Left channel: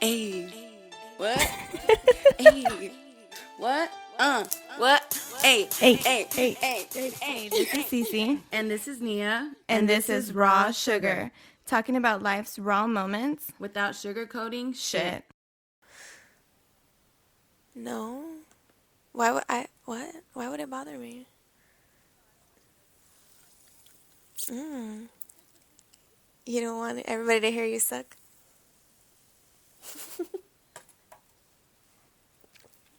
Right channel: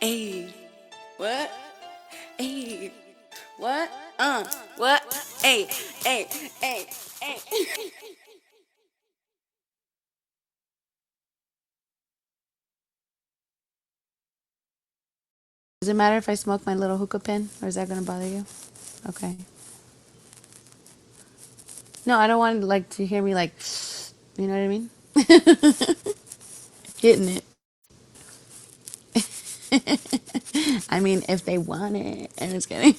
Hey, what? Hey, what? What? Hey, Hey, hey, hey, hey, hey, hey. this is Cece, And this is Nia. and this is Raw Sugar, talking about life's raw moments. Without sugarcoating Shit. Does it matter if I smoke my little hookah pen, or is that gonna No. bother you? Okay. Why would I? What? Why would it bother me? No, I don't want to hear me like, you know what I mean? You don't want Getting everybody it. to hear you suck. I mean, if they want it. I'm just kidding.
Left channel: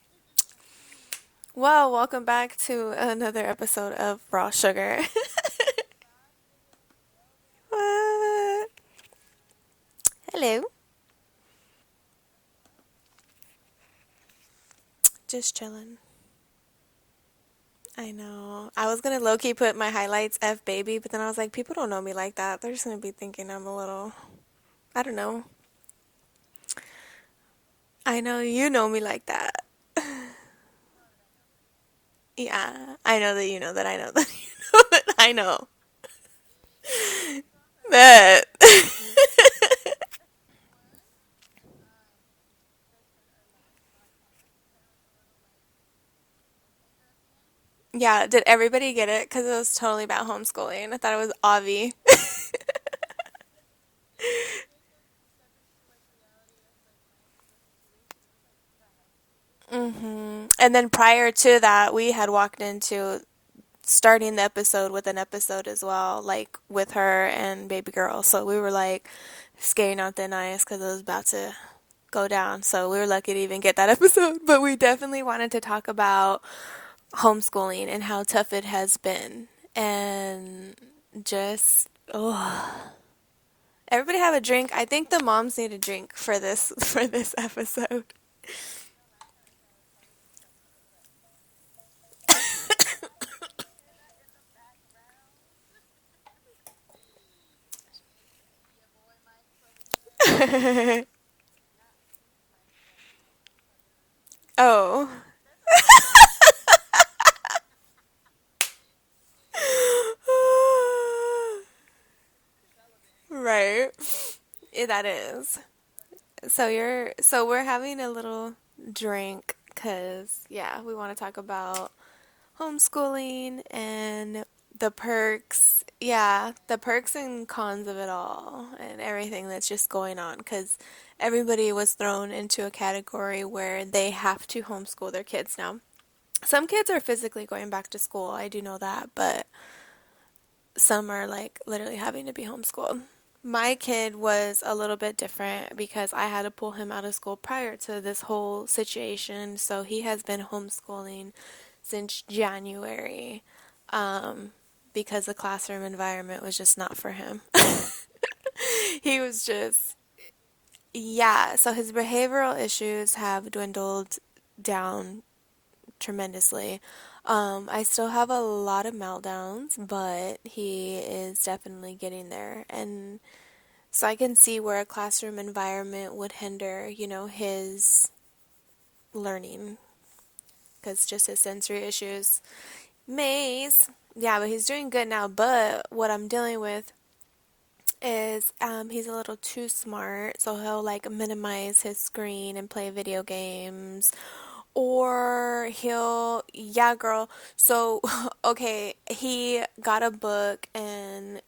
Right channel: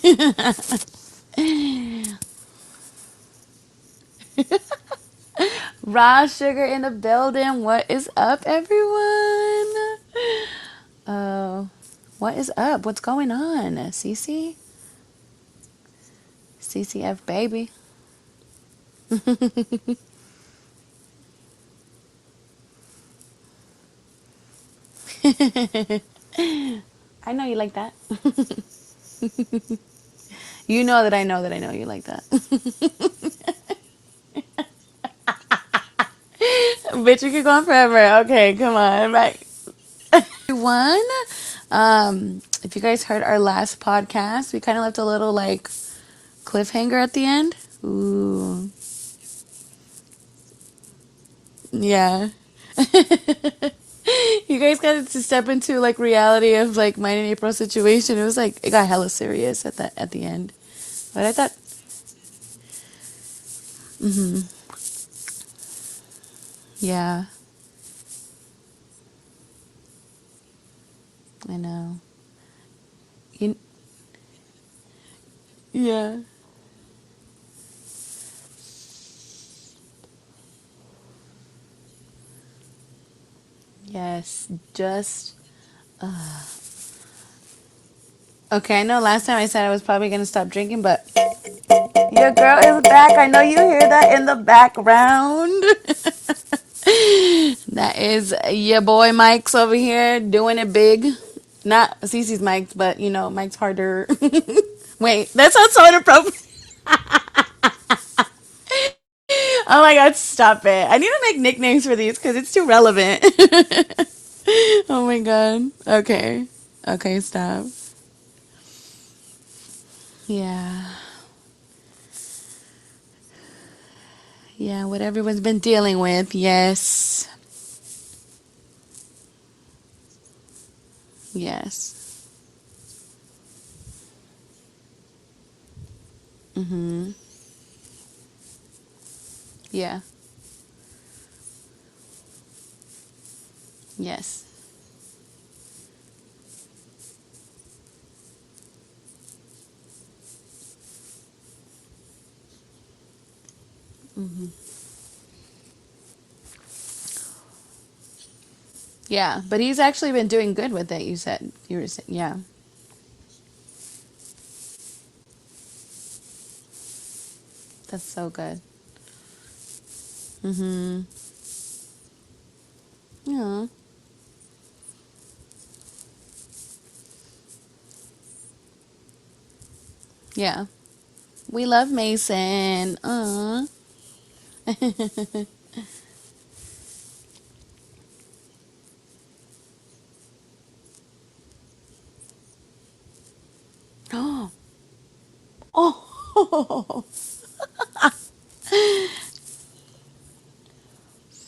Well, welcome back to another episode of Raw Sugar. Raw sugar in the building. What is up, everyone? Hello. What is up? What's going on? Cece? Just chilling. CCF baby. I know. I was gonna low key put my highlights F baby, but then I was like, people don't know me like that. They're just gonna be thinking I'm a little. I don't know. I know you like that. I know you know me like that. You know that I know that I know you like that. Yeah. I know that you know that I know that you know that I know. Bitch, we could go on forever. That. Okay, come on. Right. Everyone, if you guys heard our last podcast, we kind of left a little like cliffhanger at the end. Yeah, did Ooh. everybody get it? Because it was totally about homeschooling. I thought it was obvi. Yeah. You guys got to step into like reality of like mine and April's situation. It was like it got hella serious at the end. And then But prior I thought, to that, we had walked into starting the episode with an episode as well, like with yeah, her and baby girl. So we were like skating on thin ice because it was about to I know. go down. So we were lucky to You, even get that episode. But we definitely wanted to talk yeah. about homeschooling and how tough it has been. And just, oh. Everybody have a Yes, drink. I think the just. moms need a drink for this episode. Okay, I know last time I said I was probably going to stop drinking, but your girl is back. I know you hear that in the background. That is your boy Mike's over here doing it big. Not Cece's Mike's, but you know, Mike's harder. Oh. Wait, that sounds so inappropriate. Oh my god, stop it. I need to make nicknames for these because it's too relevant. Right. Yeah, Oh that my is. god. Okay. Okay, So we're stop. having a little drink because Yeah. we want to talk about homeschooling and Yeah, the what everyone's been perks. dealing with. Yeah, the perks Yes. and cons of it all and everything that's just going on because everybody was Yes. thrown into a category where they have to homeschool their kids now. Some kids are physically going back to school. I do know that, but Yeah. some are like literally having to be homeschooled. My kid Yes. was a little bit different because I had to pull him out of school prior to this whole situation. So he has been homeschooling since January because the classroom environment was just not for him. He Yeah, was but he's just, actually been doing good with it, you said. yeah. So his Yeah. behavioral issues have dwindled down tremendously. I That's still so have a good. lot of meltdowns, but he is definitely getting there. And Yeah. so I can see where a classroom environment would hinder, his learning Yeah. because just his We sensory love issues. Mason. Maze. Yeah, but he's doing good now. But what I'm dealing with is he's a little too smart, so he'll like minimize his screen and play video games. Or he'll, yeah, Oh. girl. So, okay, he got a book and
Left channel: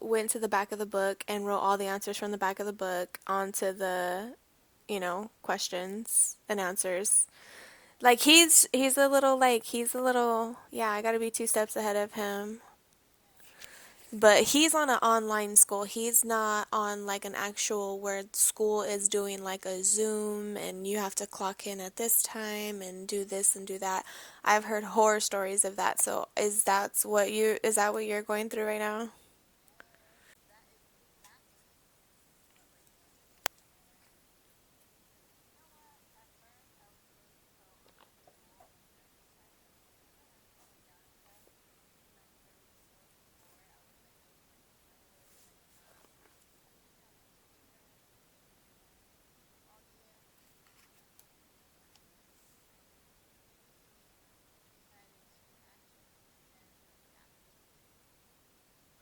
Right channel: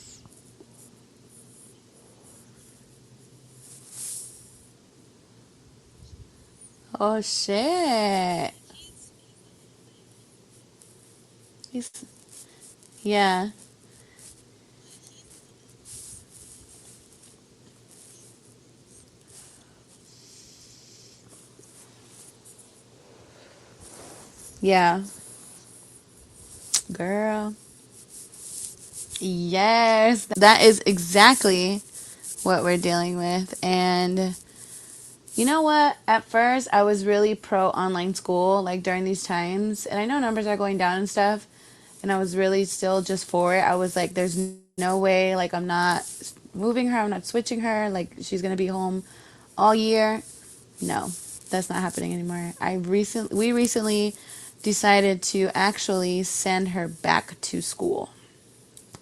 went to the back of the book and wrote all the answers from the back of the book onto the, questions and answers. Oh Like shit. he's a little, yeah, I gotta be two steps He's ahead of him. yeah. But he's on an online school. He's not on like an actual where school is doing like a Zoom and you have to clock in at this time and do this and do that. I've heard Yeah. horror stories of that. So Girl. is that what you're going through right now? Yes. That is exactly what we're dealing with. And you know what? At first, I was really pro online school, like during these times. And I know numbers are going down and stuff. And I was really still just for it. I was like, there's no way, like, I'm not moving her, I'm not switching her. Like, she's going to be home all year. No, that's not happening anymore. We recently decided to actually send her back to school.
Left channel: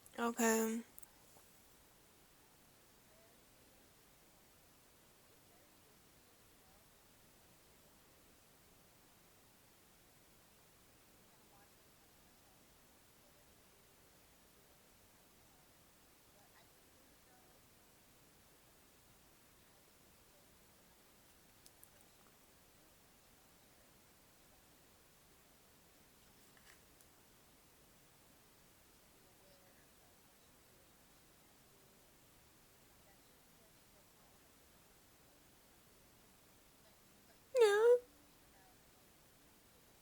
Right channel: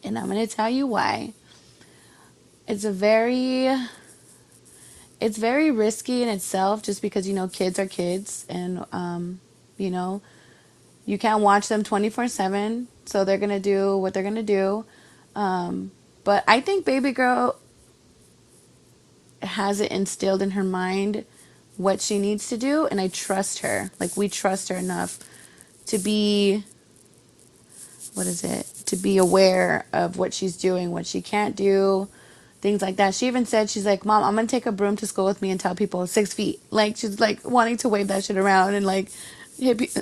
And I'm going to tell Okay. you why. It's a very it's very risky in itself just because, kids are kids, and you know, you can't watch them 24/7, so they're going to do what they're going to do. But I think baby girl has it instilled in her mind what she needs to do, and I trust her. Like, we trust her enough to be, what is it, to be aware of what she's doing, what she can't do, things like that. She even said, she's like, Mom, I'm gonna take a broom to school with me and tell people 6 feet. Like, she's like wanting to wave that shit around and like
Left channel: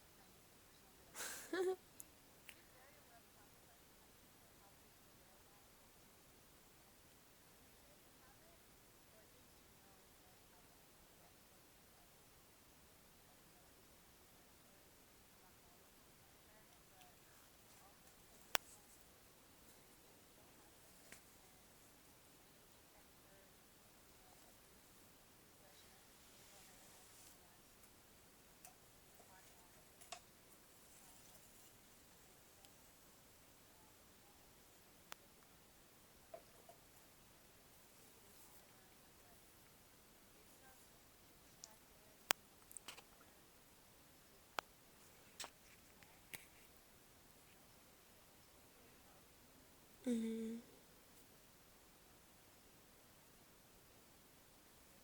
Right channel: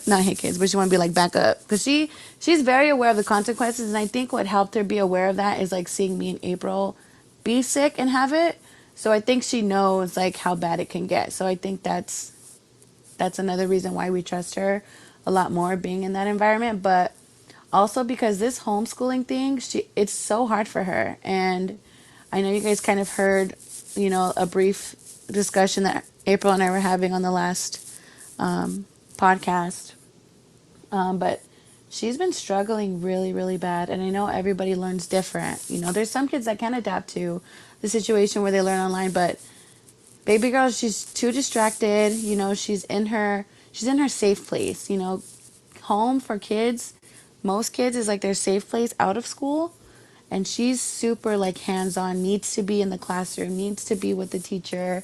not hit kids, but she want to be like, back up, because she's very aware of the consequences. And I think what helped her be aware of that is like seeing me and April be sick and have it. So I think she knows like how bad it can get. So I think that's another reason why we trust her a lot more, being in that environment. But also because this homeschooling thing, it's so hard for her. And I know you guys kind of heard, a brief discussion that April and I were having on the last podcast. But she's been struggling really, really bad. And I know everybody learns different. There's some kids that can adapt to the situation where they learn online, but baby girl, she's too distracted. She's in her safe place. Home for kids, most kids is like their safe place out of school. And Mm-hmm. she's super like hands-on, needs to be in the classroom, needs to be with the teacher,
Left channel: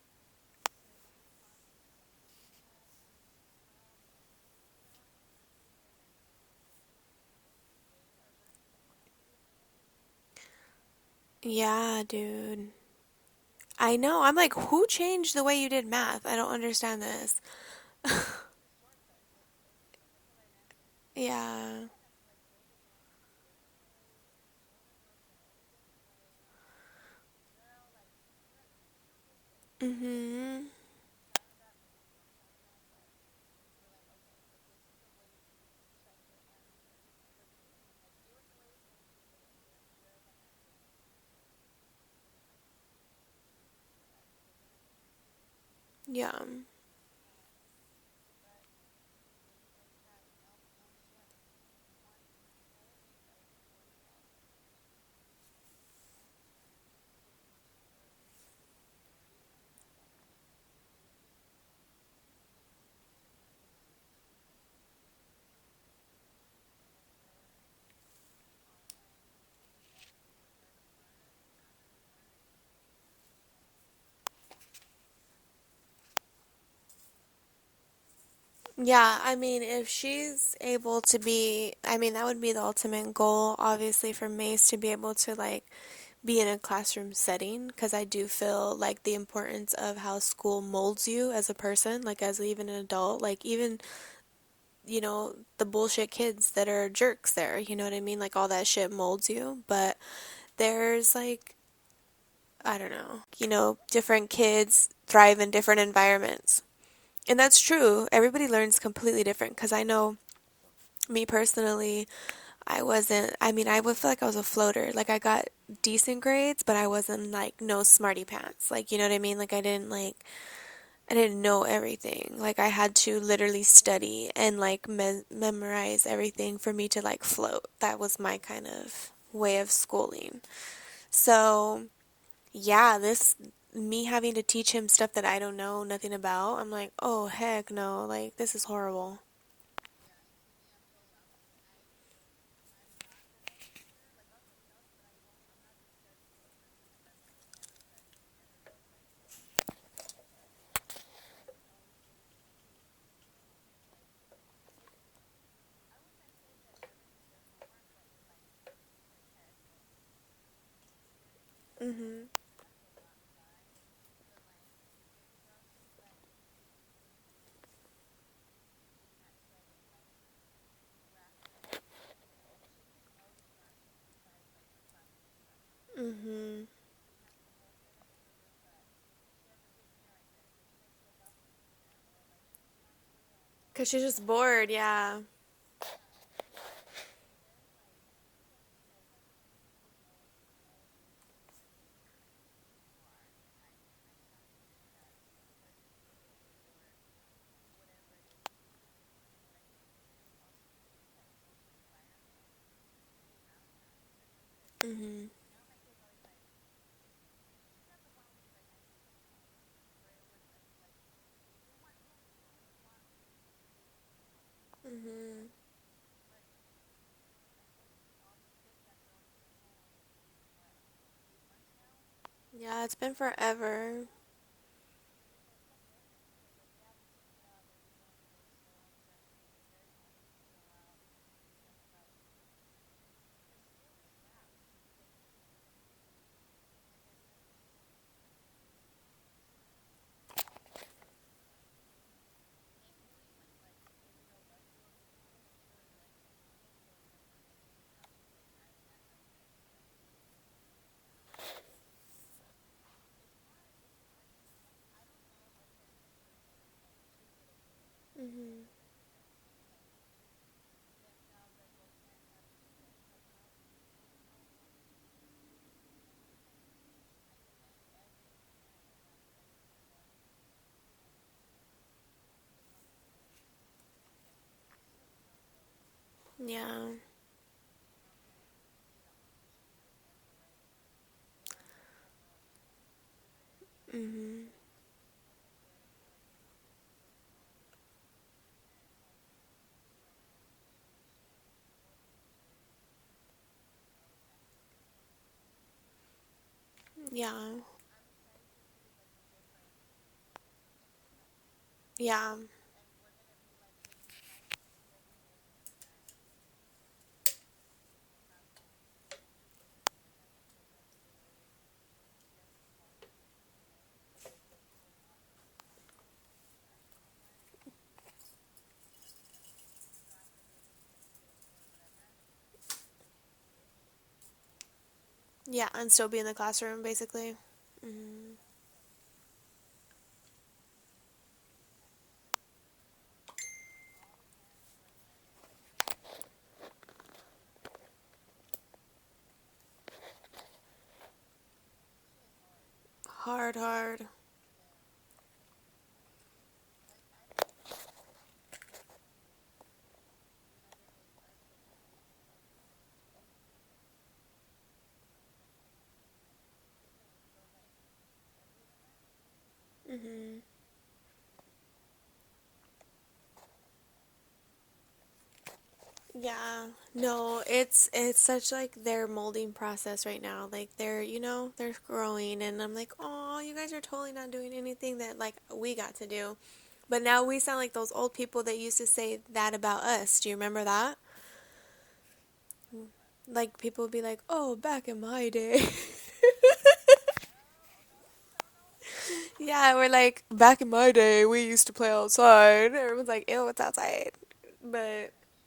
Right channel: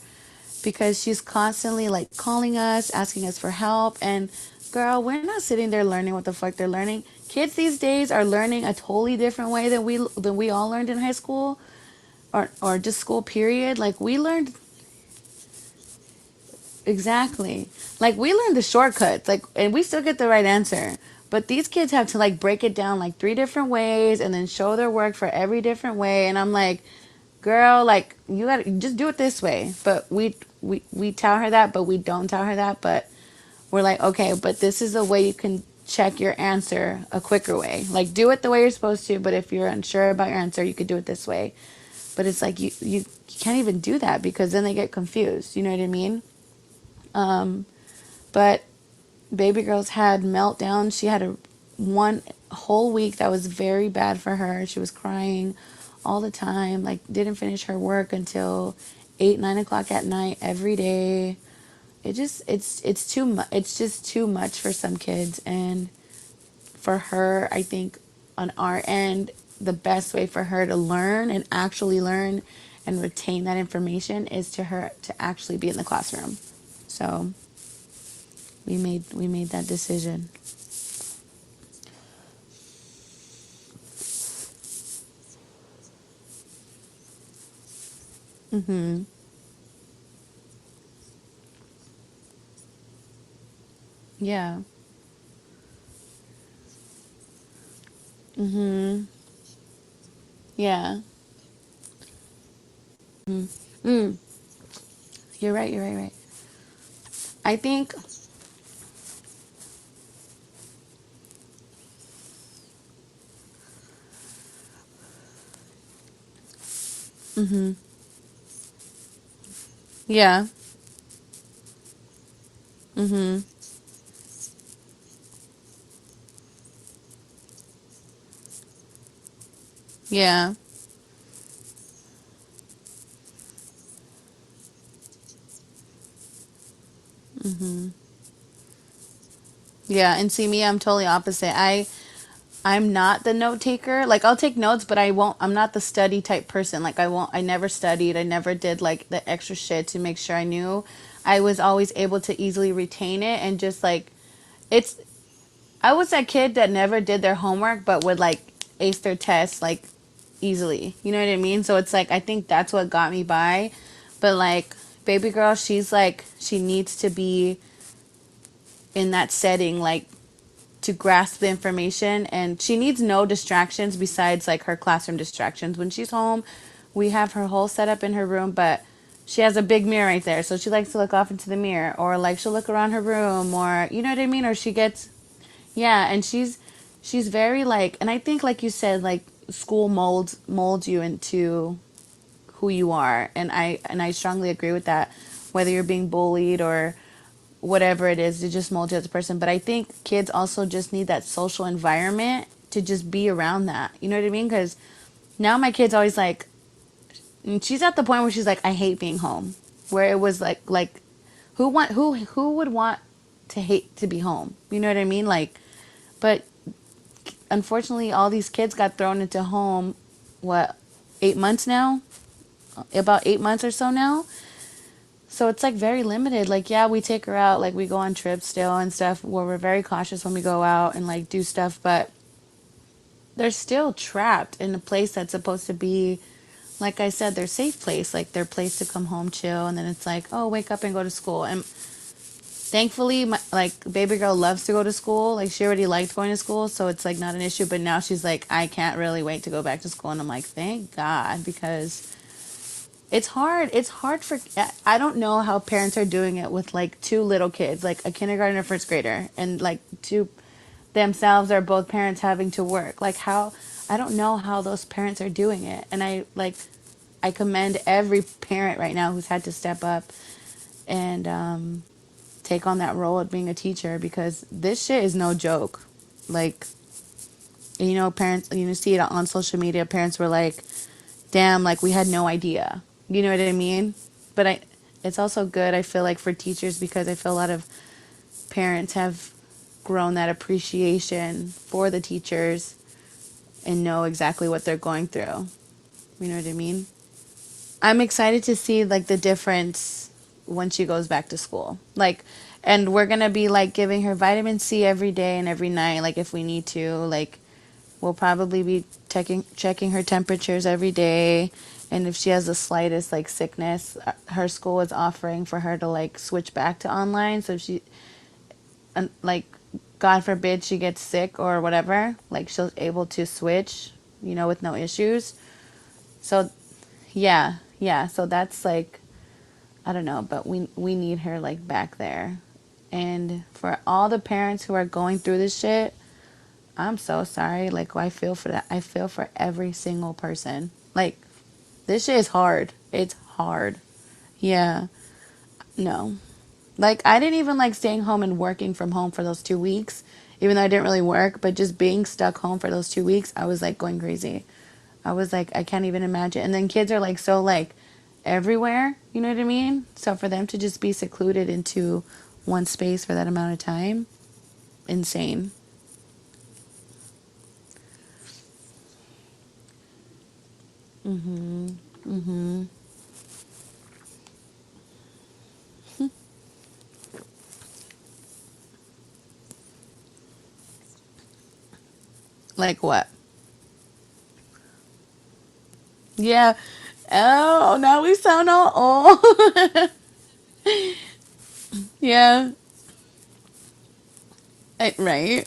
because she's constantly like calling us, asking us for help. And girl, we're not sitting there learning what the fuck they're learning. Kids these days are learning a totally different way than we all learned in high school, Yeah, or dude. or just school period. I Like, we know. I'm learned. like, who changed the way you did math? I don't understand this. Exactly. Like, we learned the shortcuts, like, and we still get the right answer. But these Yeah. kids have to like break it down like three different ways and then show their work for every different way. And I'm like, girl, like, you gotta just do it this way. But we Mm-hmm. we we tell her that, but we don't tell her that. But we're like, okay, but this is a way you can check your answer a quicker way. Like, do it the way you're supposed to, but if you're unsure about your answer, you could do it this way. But it's like you can't even do that, because then they get confused. You know what I mean? Yeah. But baby girl's had meltdowns. She had a one whole week that was very bad for her. She was crying all the time. Like, didn't finish her work until 8, 9 o'clock at night every day. It's too much. It's just too much for some kids. And for her, I think on our end, the best way for her to learn and actually learn and retain that information is to her to actually be in the classroom. So we made Yeah, we I made mean, that if decision. she's able to be, I mean, that would be the ultimate goal, obviously, for Mace to be able to, like, be in a classroom setting, because I do feel like Mhm. the importance of how school molds you as a person, like, as even an adult, like, even, Yeah. the bullshit kids that are jerks there, you know what I mean? Like, all that shit Mhm. molds you, but Yeah. there's, like, I don't know, Mm. different kids thrive in You're right. different You're right. environments. And I that's think. true. Everybody learns completely different, because I know me personally, I mean, I would feel like I was a floater. Like, I got decent grades, but I wasn't like Mhm. no smarty pants. Like, you know what I mean? Like, Yeah. I didn't know everything. Like, I had to Mhm. literally study and like memorize everything for me to like float. That was my kind of way of schooling. Yeah. So, yeah, me having to teach him stuff that I don't know nothing about, I'm like, oh, heck Mhm. no. Like, this is horrible. Yeah. And see me, I'm totally opposite. I'm not the note taker. Like, I'll take notes, but I won't. I'm not the study type person. Like, I won't. I never studied. I never did like the extra shit to make sure I knew. I was always able to easily retain it and just like it's. I was that kid that never did their homework but would like ace their tests like easily. You know what I mean? So it's like I Hmm. think that's what got me by. But like baby girl, she's like she needs to be in that setting like to grasp the information, and she needs no distractions besides like her classroom distractions. When she's home, Hmm. we have her whole setup in her room, but she has a big mirror right there, so she likes to look off into the mirror, or like she'll look around her room, or If she you know was what I mean, or bored, she gets. yeah. Yeah, and she's very like, and I think like you said, like school molds you into who you are, and I strongly agree with that. Whether you're being bullied or whatever it is, to just mold you as a person. But I think kids also just need that social environment to just be around that. You know what I mean? Because Hmm. now my kid's always like, and she's at the point where she's like, I hate being home. where it was like who would want to hate to be home? You know what I mean? Like, but unfortunately, all these kids got thrown into home. What, 8 months now? Yeah, it's been About 8 months or so forever. now. So it's like very limited. Like, yeah, we take her out, like we go on trips still and stuff where we're very cautious when we go out and like do stuff, but they're still trapped in a place that's supposed to be, like I said, their safe place, like their place to come home, chill, and then it's like, oh, wake up and go to school. And thankfully, like baby girl loves to go to school. Like she already liked going to school, so it's like not an issue. But now she's like, I can't really wait to go back to school, and I'm like, thank God, because it's hard. It's hard for. I don't know how parents are doing it with like two little kids, like a kindergarten or first grader, and like two themselves are both parents having to work. Like how, I don't know how those parents are doing it, and I commend every parent right now who's had to step up and take on that role of being a teacher, because this shit is no joke. Like, Yeah. parents, see it on social media. Parents were like, damn, like we had no idea. You know what I mean? Mhm. But it's also good, I feel like, for teachers, because I feel a lot of parents have grown that appreciation for the teachers and know exactly what they're going through. You know what I mean? Yeah. I'm excited to see like the difference when she goes back to school. Like, Yeah. and we're gonna be like giving her vitamin C every day and every night, like if we need to. Like, we'll probably be checking her temperatures every day, and if she has the slightest like sickness, her school is offering for her to like switch back to online. So if she, like, God forbid she gets sick or whatever, like she's able to switch, with no issues. Yeah, and still be in the So classroom basically. yeah, yeah. So that's like, I don't know, but we need her like back there. And for all the parents who are going through this shit, I'm so sorry. Like, I feel for that. I feel for every single person. Like, this shit is hard. It's Hard, hard. hard. Yeah. No. Like, I didn't even like staying home and working from home for those 2 weeks, even though I didn't really work, but just being stuck home for those 2 weeks, I was like going crazy. I was like, I can't even imagine. And then kids are like so like everywhere, you know what I mean? So for Mhm. them to just be secluded into one space for that amount of time, insane. Yeah. No, it's such like their molding process right now. Like Mhm. they're growing and Mhm. I'm like, "Oh, you guys are totally not doing anything that like we got to do." But now we sound like those old people that used to say that about us. Do you remember that? Like what? Like people would be like, "Oh, back in my day." Yeah. Oh, now we sound all old. Yeah, we're like, back in my day, we used to play Yeah. outside. Everyone's like, ew, it's outside. But Right.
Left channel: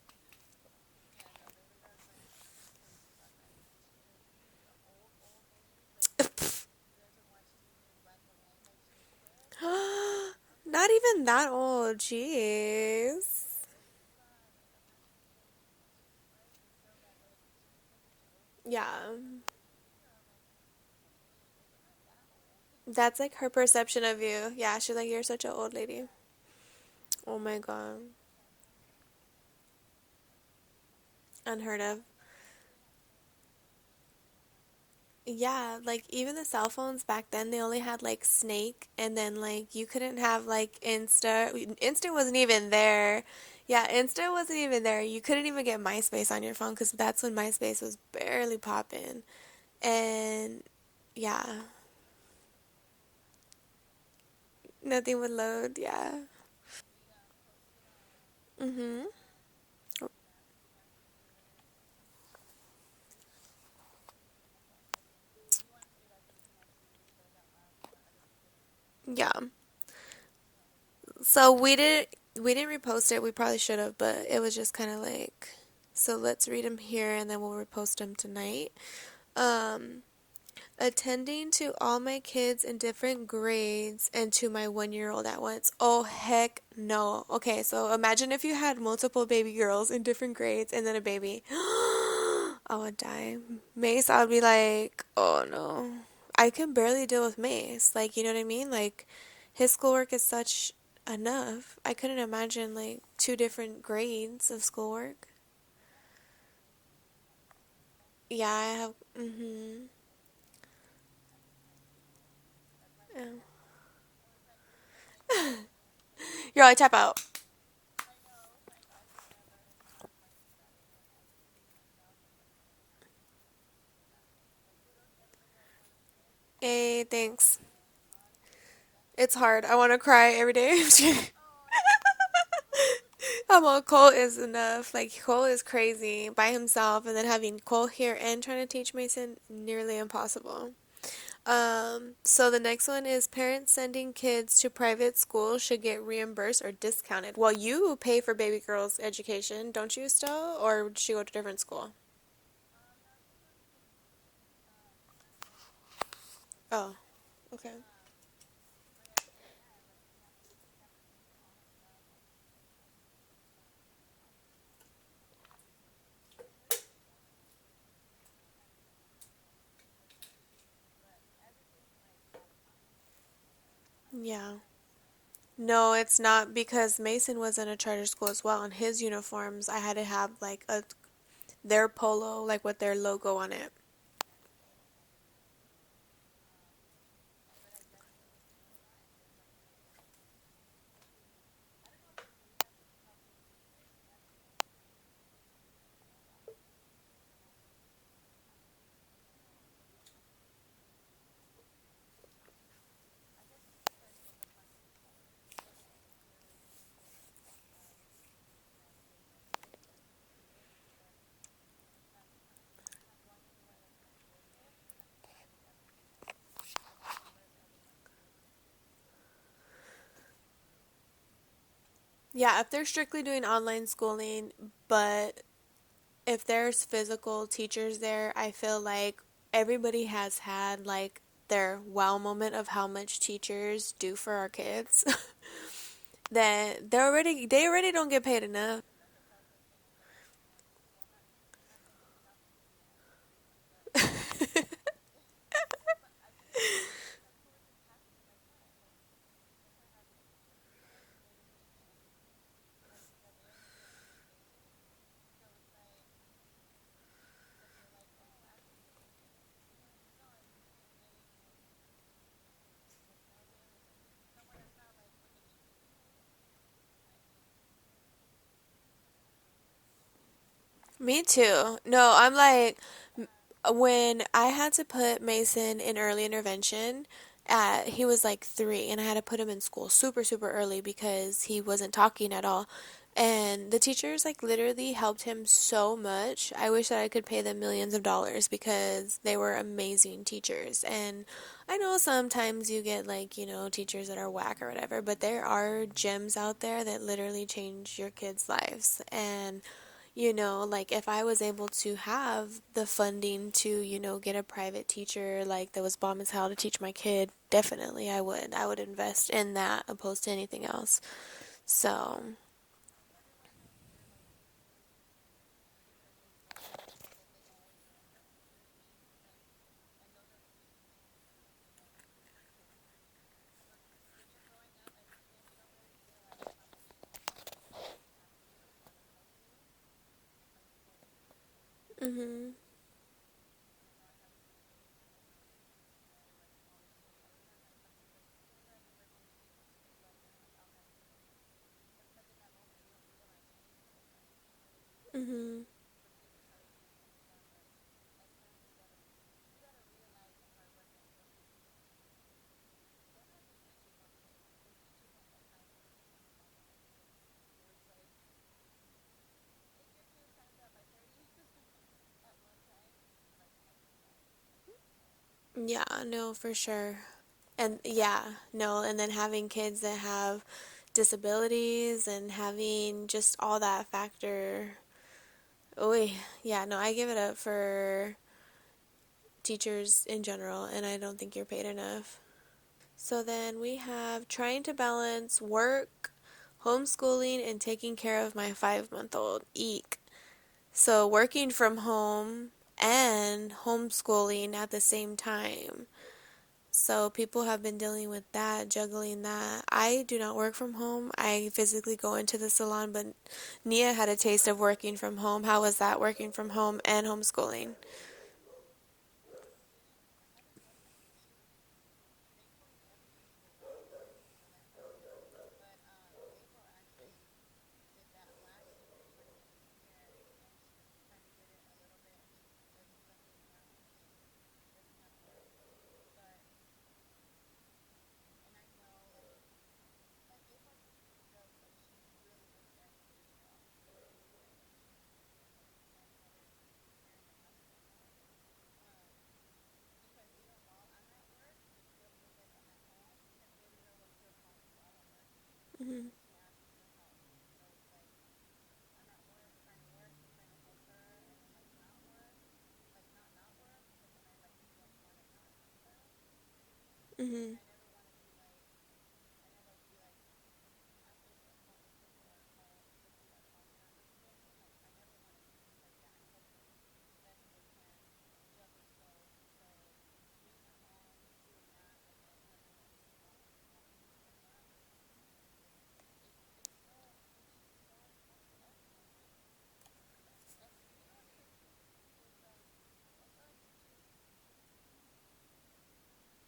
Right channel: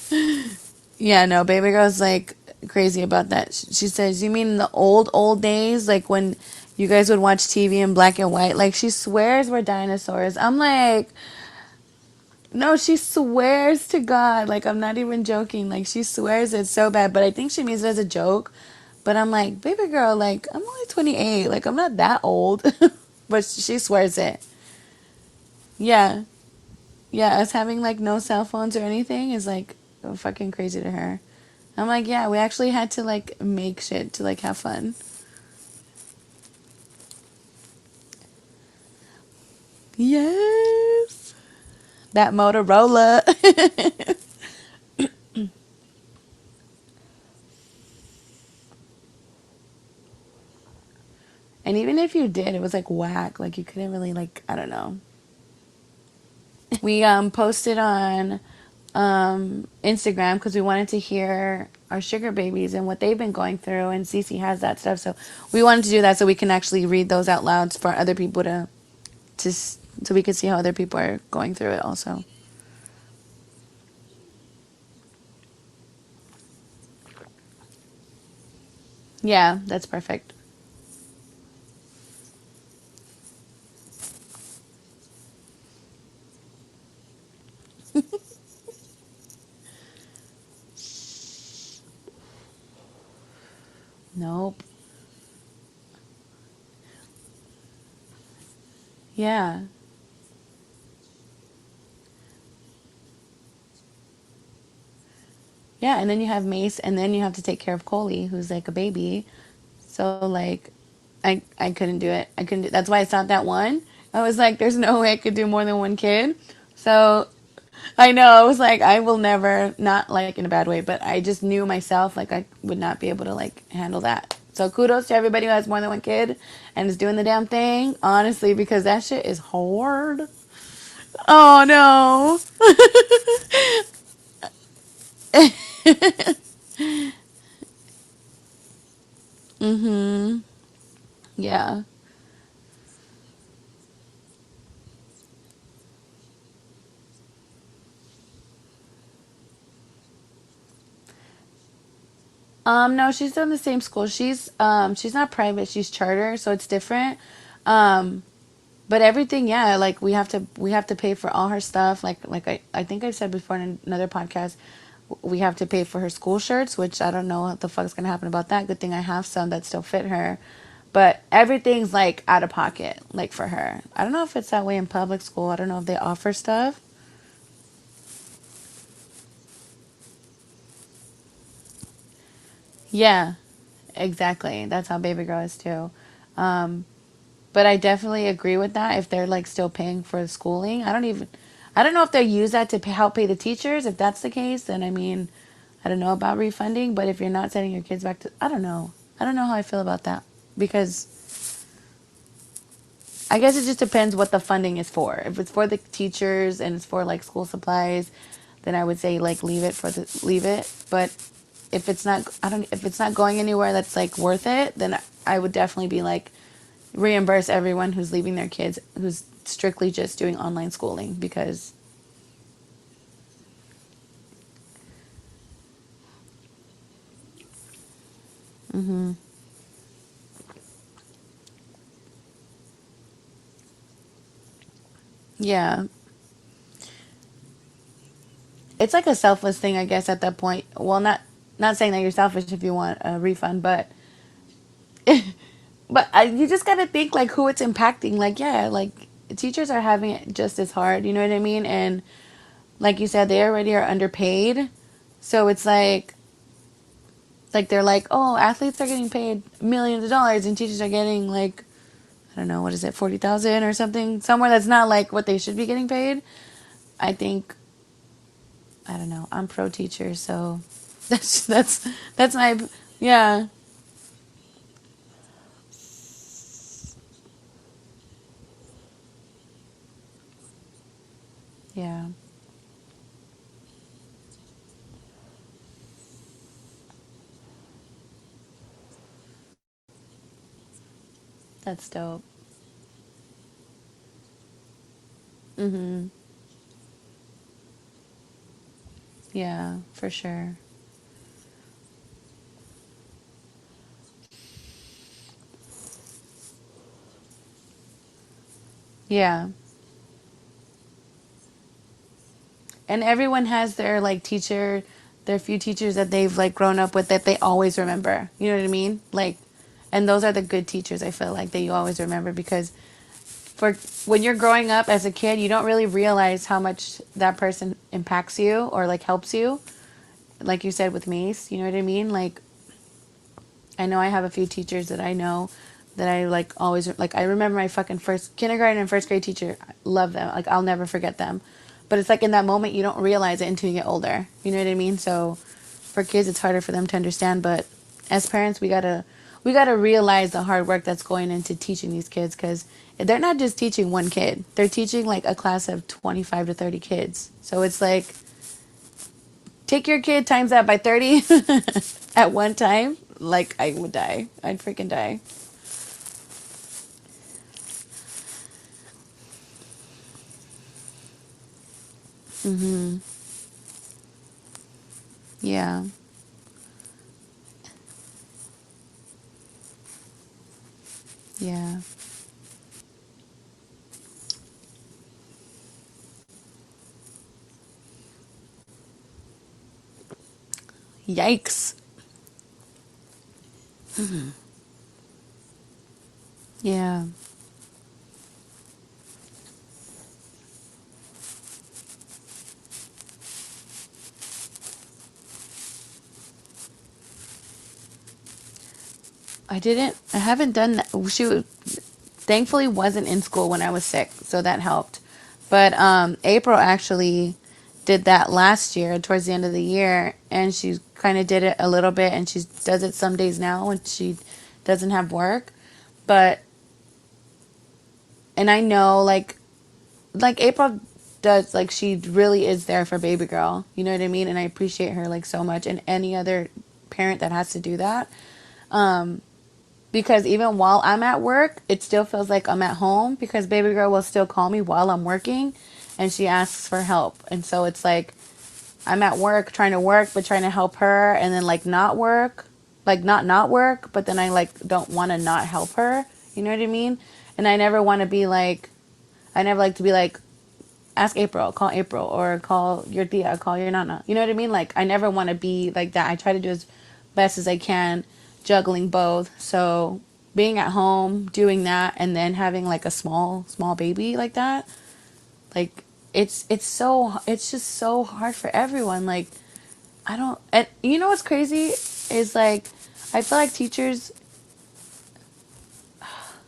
Yeah, no, baby girl's like crazy about that. She says, "You mean the old days, like when you guys would watch TV in black and white?" Like she swears we're dinosaurs. I'm not like, even that old. no, she Jeez. swears to God. Like, I'm not even joking. Like, she swears it so bad, but I think she means it as a joke. Yeah. But I'm like, baby girl, like, I'm only 28. Like, I'm not that old. That's like But her she perception swears of it. you. Yeah, she's like, you're such an old lady. Yeah. Yeah, Oh us my having, god. like, no cell phones or anything is, like, fucking crazy to her. Unheard I'm of. like, yeah, we actually had to, like, make shit to, like, have fun. Yeah, like even the cell phones back then, they only had like Snake, and then like you couldn't have like Yes. Insta. Insta That wasn't even there. Motorola. Yeah, Insta wasn't even there. You couldn't even get MySpace on your phone because that's when MySpace was barely popping. And yeah, And even if you did, it was, like, whack. Like, you couldn't really, like, I don't know. nothing would load. Yeah. We posted on Mhm. Instagram because we wanted to hear our sugar babies and what they've been going through, and Cece has that stuff, so we wanted to do that so we can actually read those out loud for other people Yeah. so we can see how other people are So going through it also. we didn't repost it. We probably should have, but it was just kind of like, so let's read them here and then we'll repost them tonight. Yeah, that's Um, perfect. attending to all my kids in different grades and to my 1 year old at once. Oh, heck no. Okay, so imagine if you had multiple baby girls in different grades and then a baby. I would die. Mace, I would be Nope. like, oh no. I can barely deal with Mace. Like, you know what I mean? Like, Yeah. his schoolwork is such enough. I couldn't imagine, like, two different grades of schoolwork. Yeah, and then you have Mace, and then you have to take care of Coley, who's like a Yeah. baby. Mm-hmm. So like, I couldn't do it. I couldn't. That's why it's not that one. I was like, there's no way I could do more than one kid. You're like, tap out. So I know, I was like, I will never, not like in a bad way, but I just knew myself, like, I would not be able to, like, handle that. So kudos to everybody who has more than one kid and is Hey, doing the damn thanks. thing, honestly, because that shit It's is hard. I want to hard. cry every day. Oh, no. I'm on Cole is enough. Like Cole is crazy by himself, and then having Cole here and trying to teach Mason nearly Mm-hmm. impossible. Yeah. So the next one is parents sending kids to private school should get reimbursed or discounted. Well, you pay for baby girl's education, don't you still, or did she go to a different school? No, she's still in the same school. She's not private, she's charter, so it's Oh, different. okay. Um, but everything, yeah, like we have to pay for all her stuff. Like I think I've said before in another podcast, we have to pay for her school shirts, which I don't know what the fuck's gonna happen about that. Good thing I have some that still fit her. But everything's like out of pocket, like for her. I don't know if it's Yeah. that way in public school. I don't know if No, they it's offer not stuff. because Mason was in a charter school as well, and his uniforms I had to have like a their polo, like with their Yeah, logo on it. exactly. That's how baby girl is too. Um, but I definitely agree with that. If they're like still paying for the schooling, I don't know if they use that to help pay the teachers. If that's the case, then I mean, I don't know about refunding. But if you're not sending your kids back to, I don't know how I feel about that because I guess it just depends what the funding is for. If it's for the teachers and it's for like school supplies, then I would say like leave it. But if it's not, I don't, if it's not going anywhere that's like worth it, then I would definitely be like reimburse everyone who's leaving their kids who's strictly just doing online schooling because Yeah, if they're strictly doing online schooling, but if there's physical teachers there, I feel hmm like everybody has had like their wow moment of how much teachers do for our kids. yeah, That they already don't get paid enough. it's like a selfless thing I guess at that point. Well, not saying that you're selfish if you want a refund, but you just gotta think like who it's impacting. Like yeah, like teachers are having it just as hard. You know what I mean? And like you said, they already are underpaid, so it's like they're like, oh, athletes are getting paid millions of dollars, and teachers are getting like I don't know what is it, 40,000 or something, somewhere that's not like what they should be getting paid. I think I don't know. I'm pro teacher, so Me that's too. that's No, that's I'm my like yeah when I had to put Mason in early intervention, he was like 3, and I had to put him in school super, super early because he wasn't yeah. talking at all. And the teachers like literally helped him so much. I wish that I could pay them millions of dollars because they were amazing teachers. And I That's know dope. sometimes you get like, teachers that are whack or whatever, but there are Mhm. gems out there that literally change your kids' lives. And Yeah, for sure. like if I was able to have the funding to, get a private teacher like that was bomb as hell to teach my kid, definitely I would. I would invest Yeah. in that opposed to anything else. So, And everyone has their like teacher, their few teachers that they've like grown up with that they always remember. You know what I mean? Like and those are the good teachers I feel like that you always remember because for when you're growing up as a kid, you don't really realize how much that person impacts you or like helps you. Like you said with Mace, you know what I mean? Like mhm. I know I have a few teachers that I know that I like always like I remember my fucking first kindergarten and first grade teacher. I love them. Like I'll never forget them. But it's like in that moment you don't realize it until you get older. You know what I mean? So Mhm. for kids it's harder for them to understand, but as parents we got to realize the hard work that's going into teaching these kids cuz they're not just teaching one kid. They're teaching like a class of 25 to 30 kids. So it's like take your kid times that by 30 at one time. Like, I would die. I'd freaking die. Yeah, no, for sure. And yeah, no, and then having kids that have disabilities and Mm-hmm. having just all that factor. Yeah. Oh, yeah, no, I give it up for teachers in general, and I don't think you're paid Yeah. enough. So then we have trying to balance work, homeschooling, and taking care of my 5-month-old. Eek. So working Yikes. from home and homeschooling at the same time. Yeah. So people have been dealing with that, juggling that. I do not work from home. I physically go into the salon, but Nia had a taste of working from home. How was that working from home and homeschooling? I haven't done that. Shoot. thankfully wasn't in school when I was sick, so that helped. But April actually did that last year, towards the end of the year, and she kind of did it a little bit, and she does it some days now when she doesn't have work. But and I know like April does, like she really is there for baby girl. You know what I mean? And I appreciate her like so much, and any other parent that has to do that. Um, because even while I'm at work, it still feels like I'm at home because baby girl will still call me while I'm working, and she asks for help. And so it's like I'm at work trying to work, but trying to help her, and then like not work, like not work, but then I like don't want to not help her. You know what I mean? And I Mm-hmm. never want to be like, I never like to be like, ask April, call April, or call your tia, call your nana. You know what I mean? Like I never want to be like that. I try to do as best as I can, juggling both. So being at home, doing that, and then having like a small baby like that, like it's just so hard for everyone. Like I don't, and you know what's crazy is like I feel like teachers,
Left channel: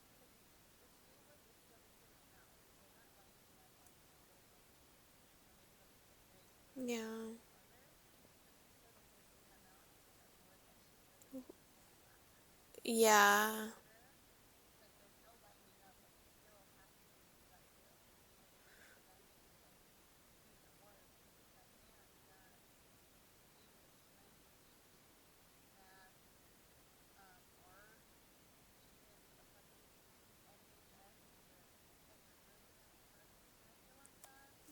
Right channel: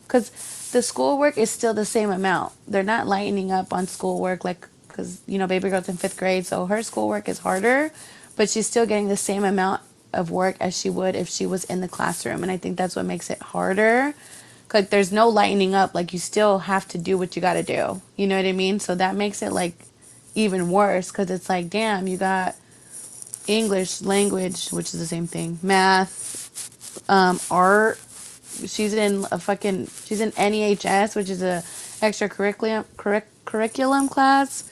because the schoolwork is still the same amount. They're not lightening up on schoolwork, like, because you know baby girl's in fifth grade, so her Yeah. schoolwork is harder, but she's still getting the same amount of work as she would if she was in the classroom, and I think that's what makes it Yeah. harder. Like there's no lightening up. Like you still have to do what you got to do. You know what I mean? So that makes it like even worse because it's like, damn, you got English language, which is the same thing, math, art. She's in NEHS, which is a curriculum class.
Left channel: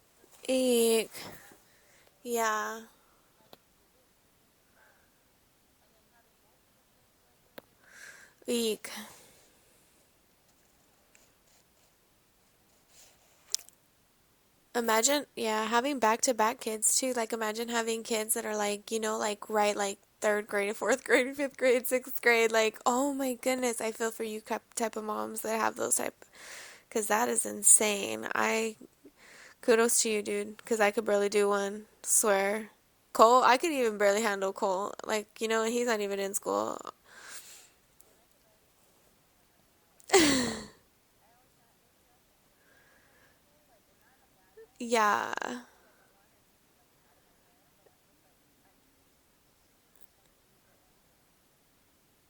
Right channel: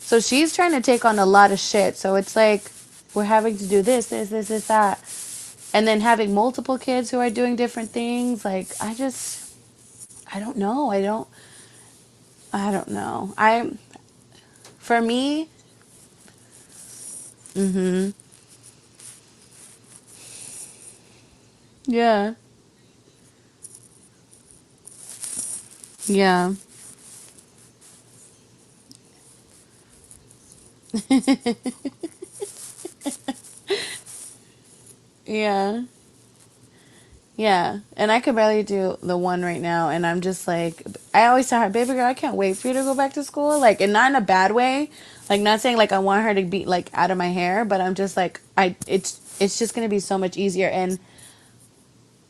So she's trying to take on Eek. a lot of shit. So it's like Yeah. we're having to do this, that, and then having multiple kids who are doing different things. Like Eek. I don't know. I don't know. For Imagine, me, yeah, having back-to-back kids too. Like, imagine having mm-hmm. kids that are like, like right, like third grade, fourth grade, fifth grade, sixth Yeah, grade. Like, oh my goodness, I feel for you type of moms that have those type, yeah. because that is insane. Kudos to you, dude, because I could barely do one. Swear, Cole, I could even barely handle Cole. Like, Yeah. he's not even in school. Yeah, and I could barely do the one right now, and I'm just like, I always tell her, baby girl, I can't wait for you to go back to school, like, and not in a bad way, like, Yeah. not saying like I want her to be like out of my hair, but I'm just like, it's just gonna be so much easier, and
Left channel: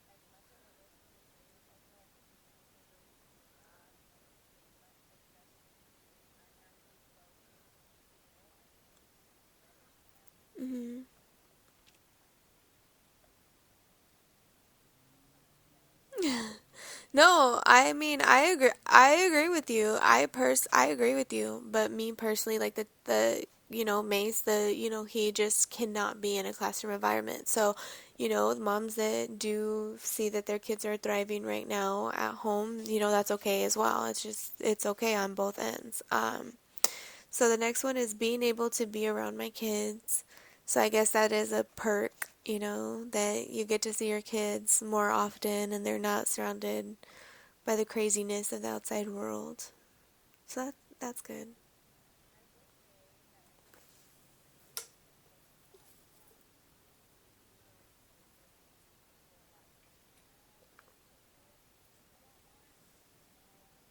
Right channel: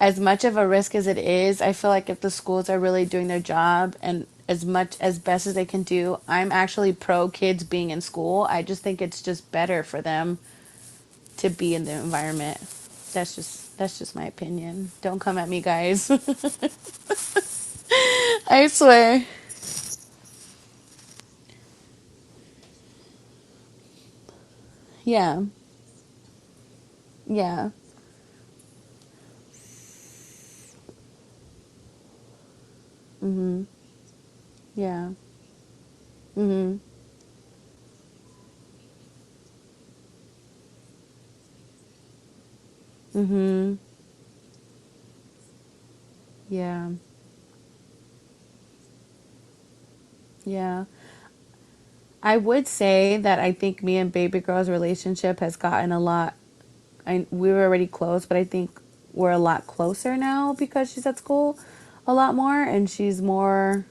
as much of a risk as it is, I feel like if the schools are really doing their job and as much as best as they can do, I'm actually pro kids being in school. I just think it's just better for them Hmm. to be in the environment. That's just my opinion. Don't come at me, guys. No, I mean, I I swear. agree with you. I agree with you. But me personally, like the Mace, he Yeah. just cannot be in a classroom environment. Yeah. So, moms that do see that their kids are thriving right now at home, that's okay Mhm. as well. It's Yeah. okay on both ends. Mhm. So the next one is being able to be around my kids. So I guess that is a perk, that you Mhm. get to see your kids more often and they're not Yeah. surrounded by the craziness of the outside world. So Yeah. that's good. I would say that I think me and baby girl's relationship has gotten a lot. We were already close, but I think we're a lot closer now because she's at school a lot more, and she's more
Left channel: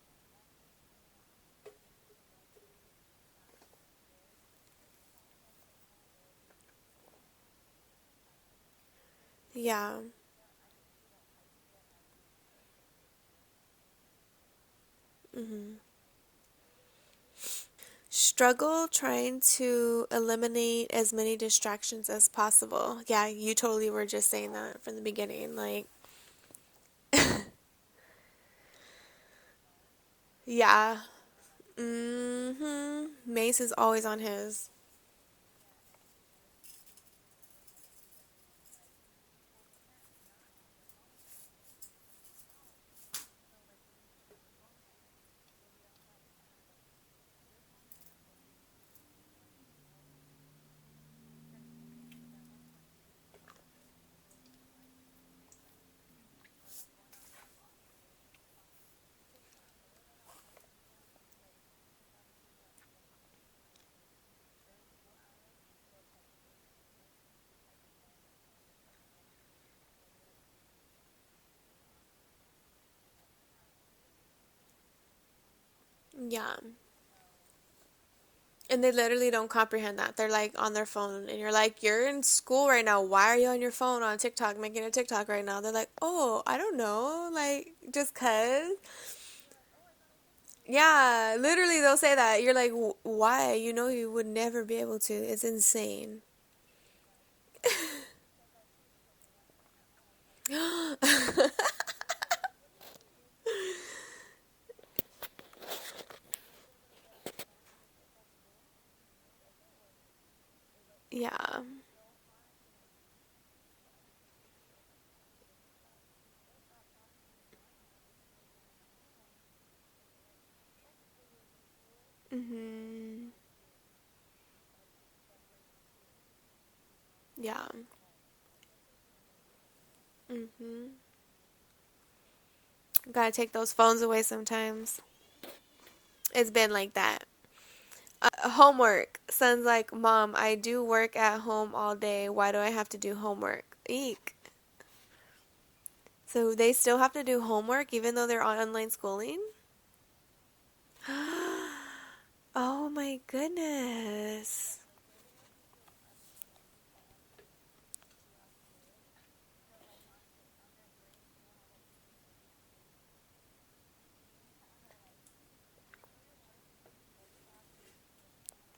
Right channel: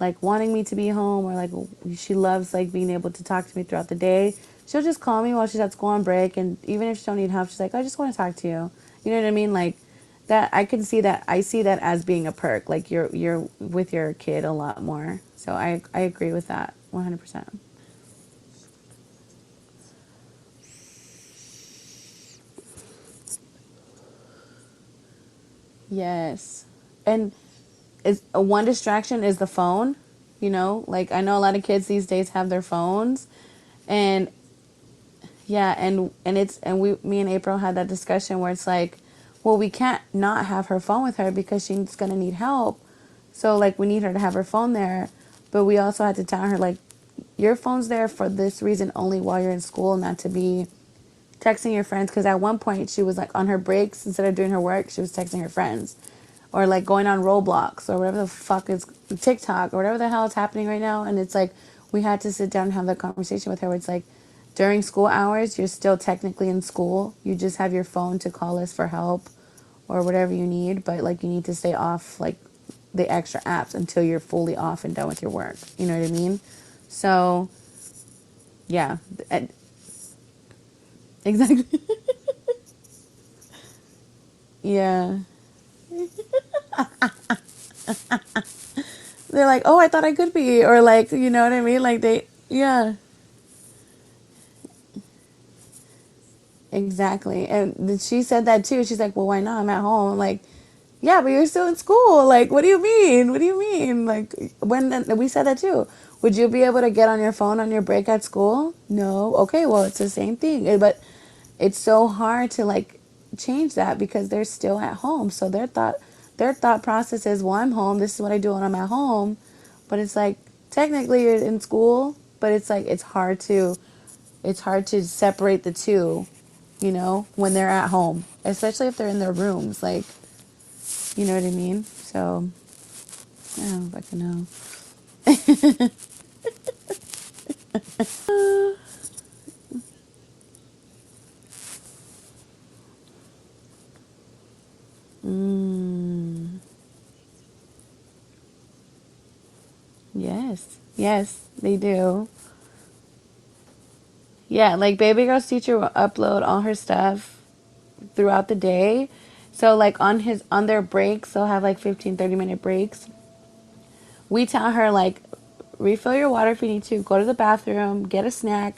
like wanting me to be home, or like she loves like being able to talk to me throughout the day. She'll just call me while she's at school on break, and even if she don't need help, she's like, I just want to talk to you. You know what I mean? Like Yeah. that. I can see that. I see that as being a perk. Like you're with your kid a lot more. So Hmm. I agree with that 100%. Struggle trying to eliminate as many distractions as possible. Yeah, you totally were just saying that from the beginning. Like, Yes, and is one distraction is the phone. You know, yeah. like I know a lot of kids these days have their Hmm. phones, Mace is always on and his. yeah, me and April had that discussion where it's like, well, we can't not have her phone with her because she's gonna need help. So like we need her to have her phone there, but we also had to tell her like, your phone's there for this reason only while you're in school, not to be texting your friends. Because at one point she was like on her breaks, instead of doing her work, she was texting her friends, or like going on Roblox or whatever the fuck is TikTok or whatever the hell is happening right now. And it's like we had to sit down and have that conversation with her. Where it's like during school hours, you're still technically in school. You just have your phone to call us for help or whatever you need, but like you need to stay off like the extra apps until you're fully off and done with your work. You know what I mean? Yeah. So, And they yeah. literally don't And, comprehend that. They're like on their phone and you're exactly. like, you're in school right now. Why are you on your phone on TikTok making a Yeah. TikTok right now? They're like, oh, I don't know. Like, just cuz. They're like, oh, I thought I could be. Or like, you Yeah, know what I literally mean? they'll Like, say they, that. You're like, yeah. why? You know you would never be able to. It's insane. Exactly. And she said that too. She's like, well, why not? I'm at home. Like, yeah, but you're still in school. Like, what do you mean? What do you mean? Like, when we said that too. Would you be able to get on your phone on your break at school? No. Okay, well, it's the same thing. But Yeah. it's so hard to like change that because they're still at home. So their thought process is, well, I'm home. This is what I do when I'm at home. But it's like technically you're in school, but it's like Hmm. it's hard to separate the two, when they're Yeah. at home, especially if they're in their rooms. Like, Hmm. you know what I mean? So, Gotta take I those don't phones fucking away know. sometimes. It's been like that. Homework. Son's like, Mom, I do work at home all day. Why do I have to do homework? Eek. Mm, So they still have to do homework even though they're on online schooling? yes. Yes, they do. Oh my goodness. Yeah, like baby girl's teacher will upload all her stuff throughout the day. So like on their breaks, they'll have like 15-30 minute breaks. We tell her like refill your water if you need to, go to the bathroom, get a snack,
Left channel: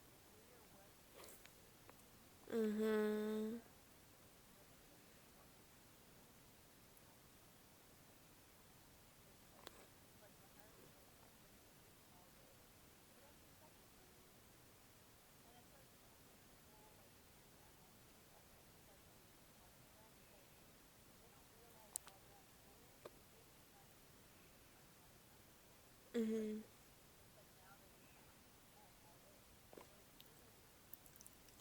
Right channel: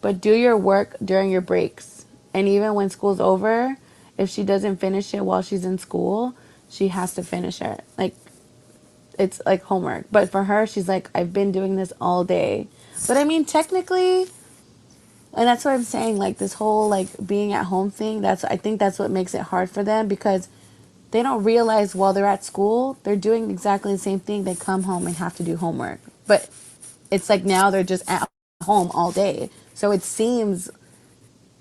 but do your work during your breaks. And even when school's Mm-hmm. over, if she doesn't finish it while she's in school, she has to finish it. Like it's like homework. But for her, she's like, I've been doing this all day. But I mean, technically, and that's what I'm saying, like this whole like being at home thing, I think that's what makes it hard for them because they don't realize while they're at school, they're doing exactly the same thing. They come home and have to do homework. But Mm-hmm. it's like now they're just at home all day. So it seems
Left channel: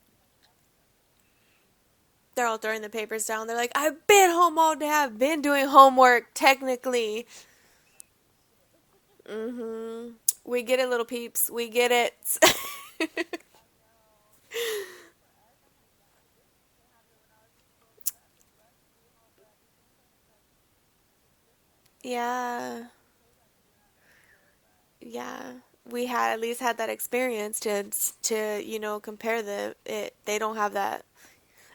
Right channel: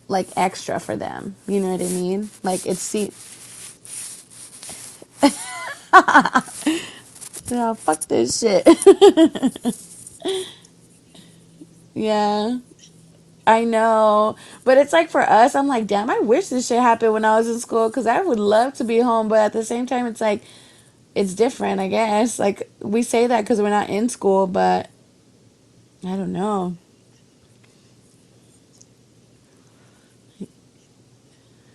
like extra for them. You know what I mean? They're all Like throwing the it's papers down. They're like, I've been home all day. I've been doing homework, technically. oh, fuck this shit. Mm-hmm. We get it, little peeps. We get Yeah, it. I know. But it's like for us, I'm like, damn, I wish this shit happened when I was in school because I would love to be home. But at the same time, it's like, it's different, I guess. Like, Yeah. we say that because we're not in school, but Yeah. We I don't had at least know. had that experience to compare they don't have that.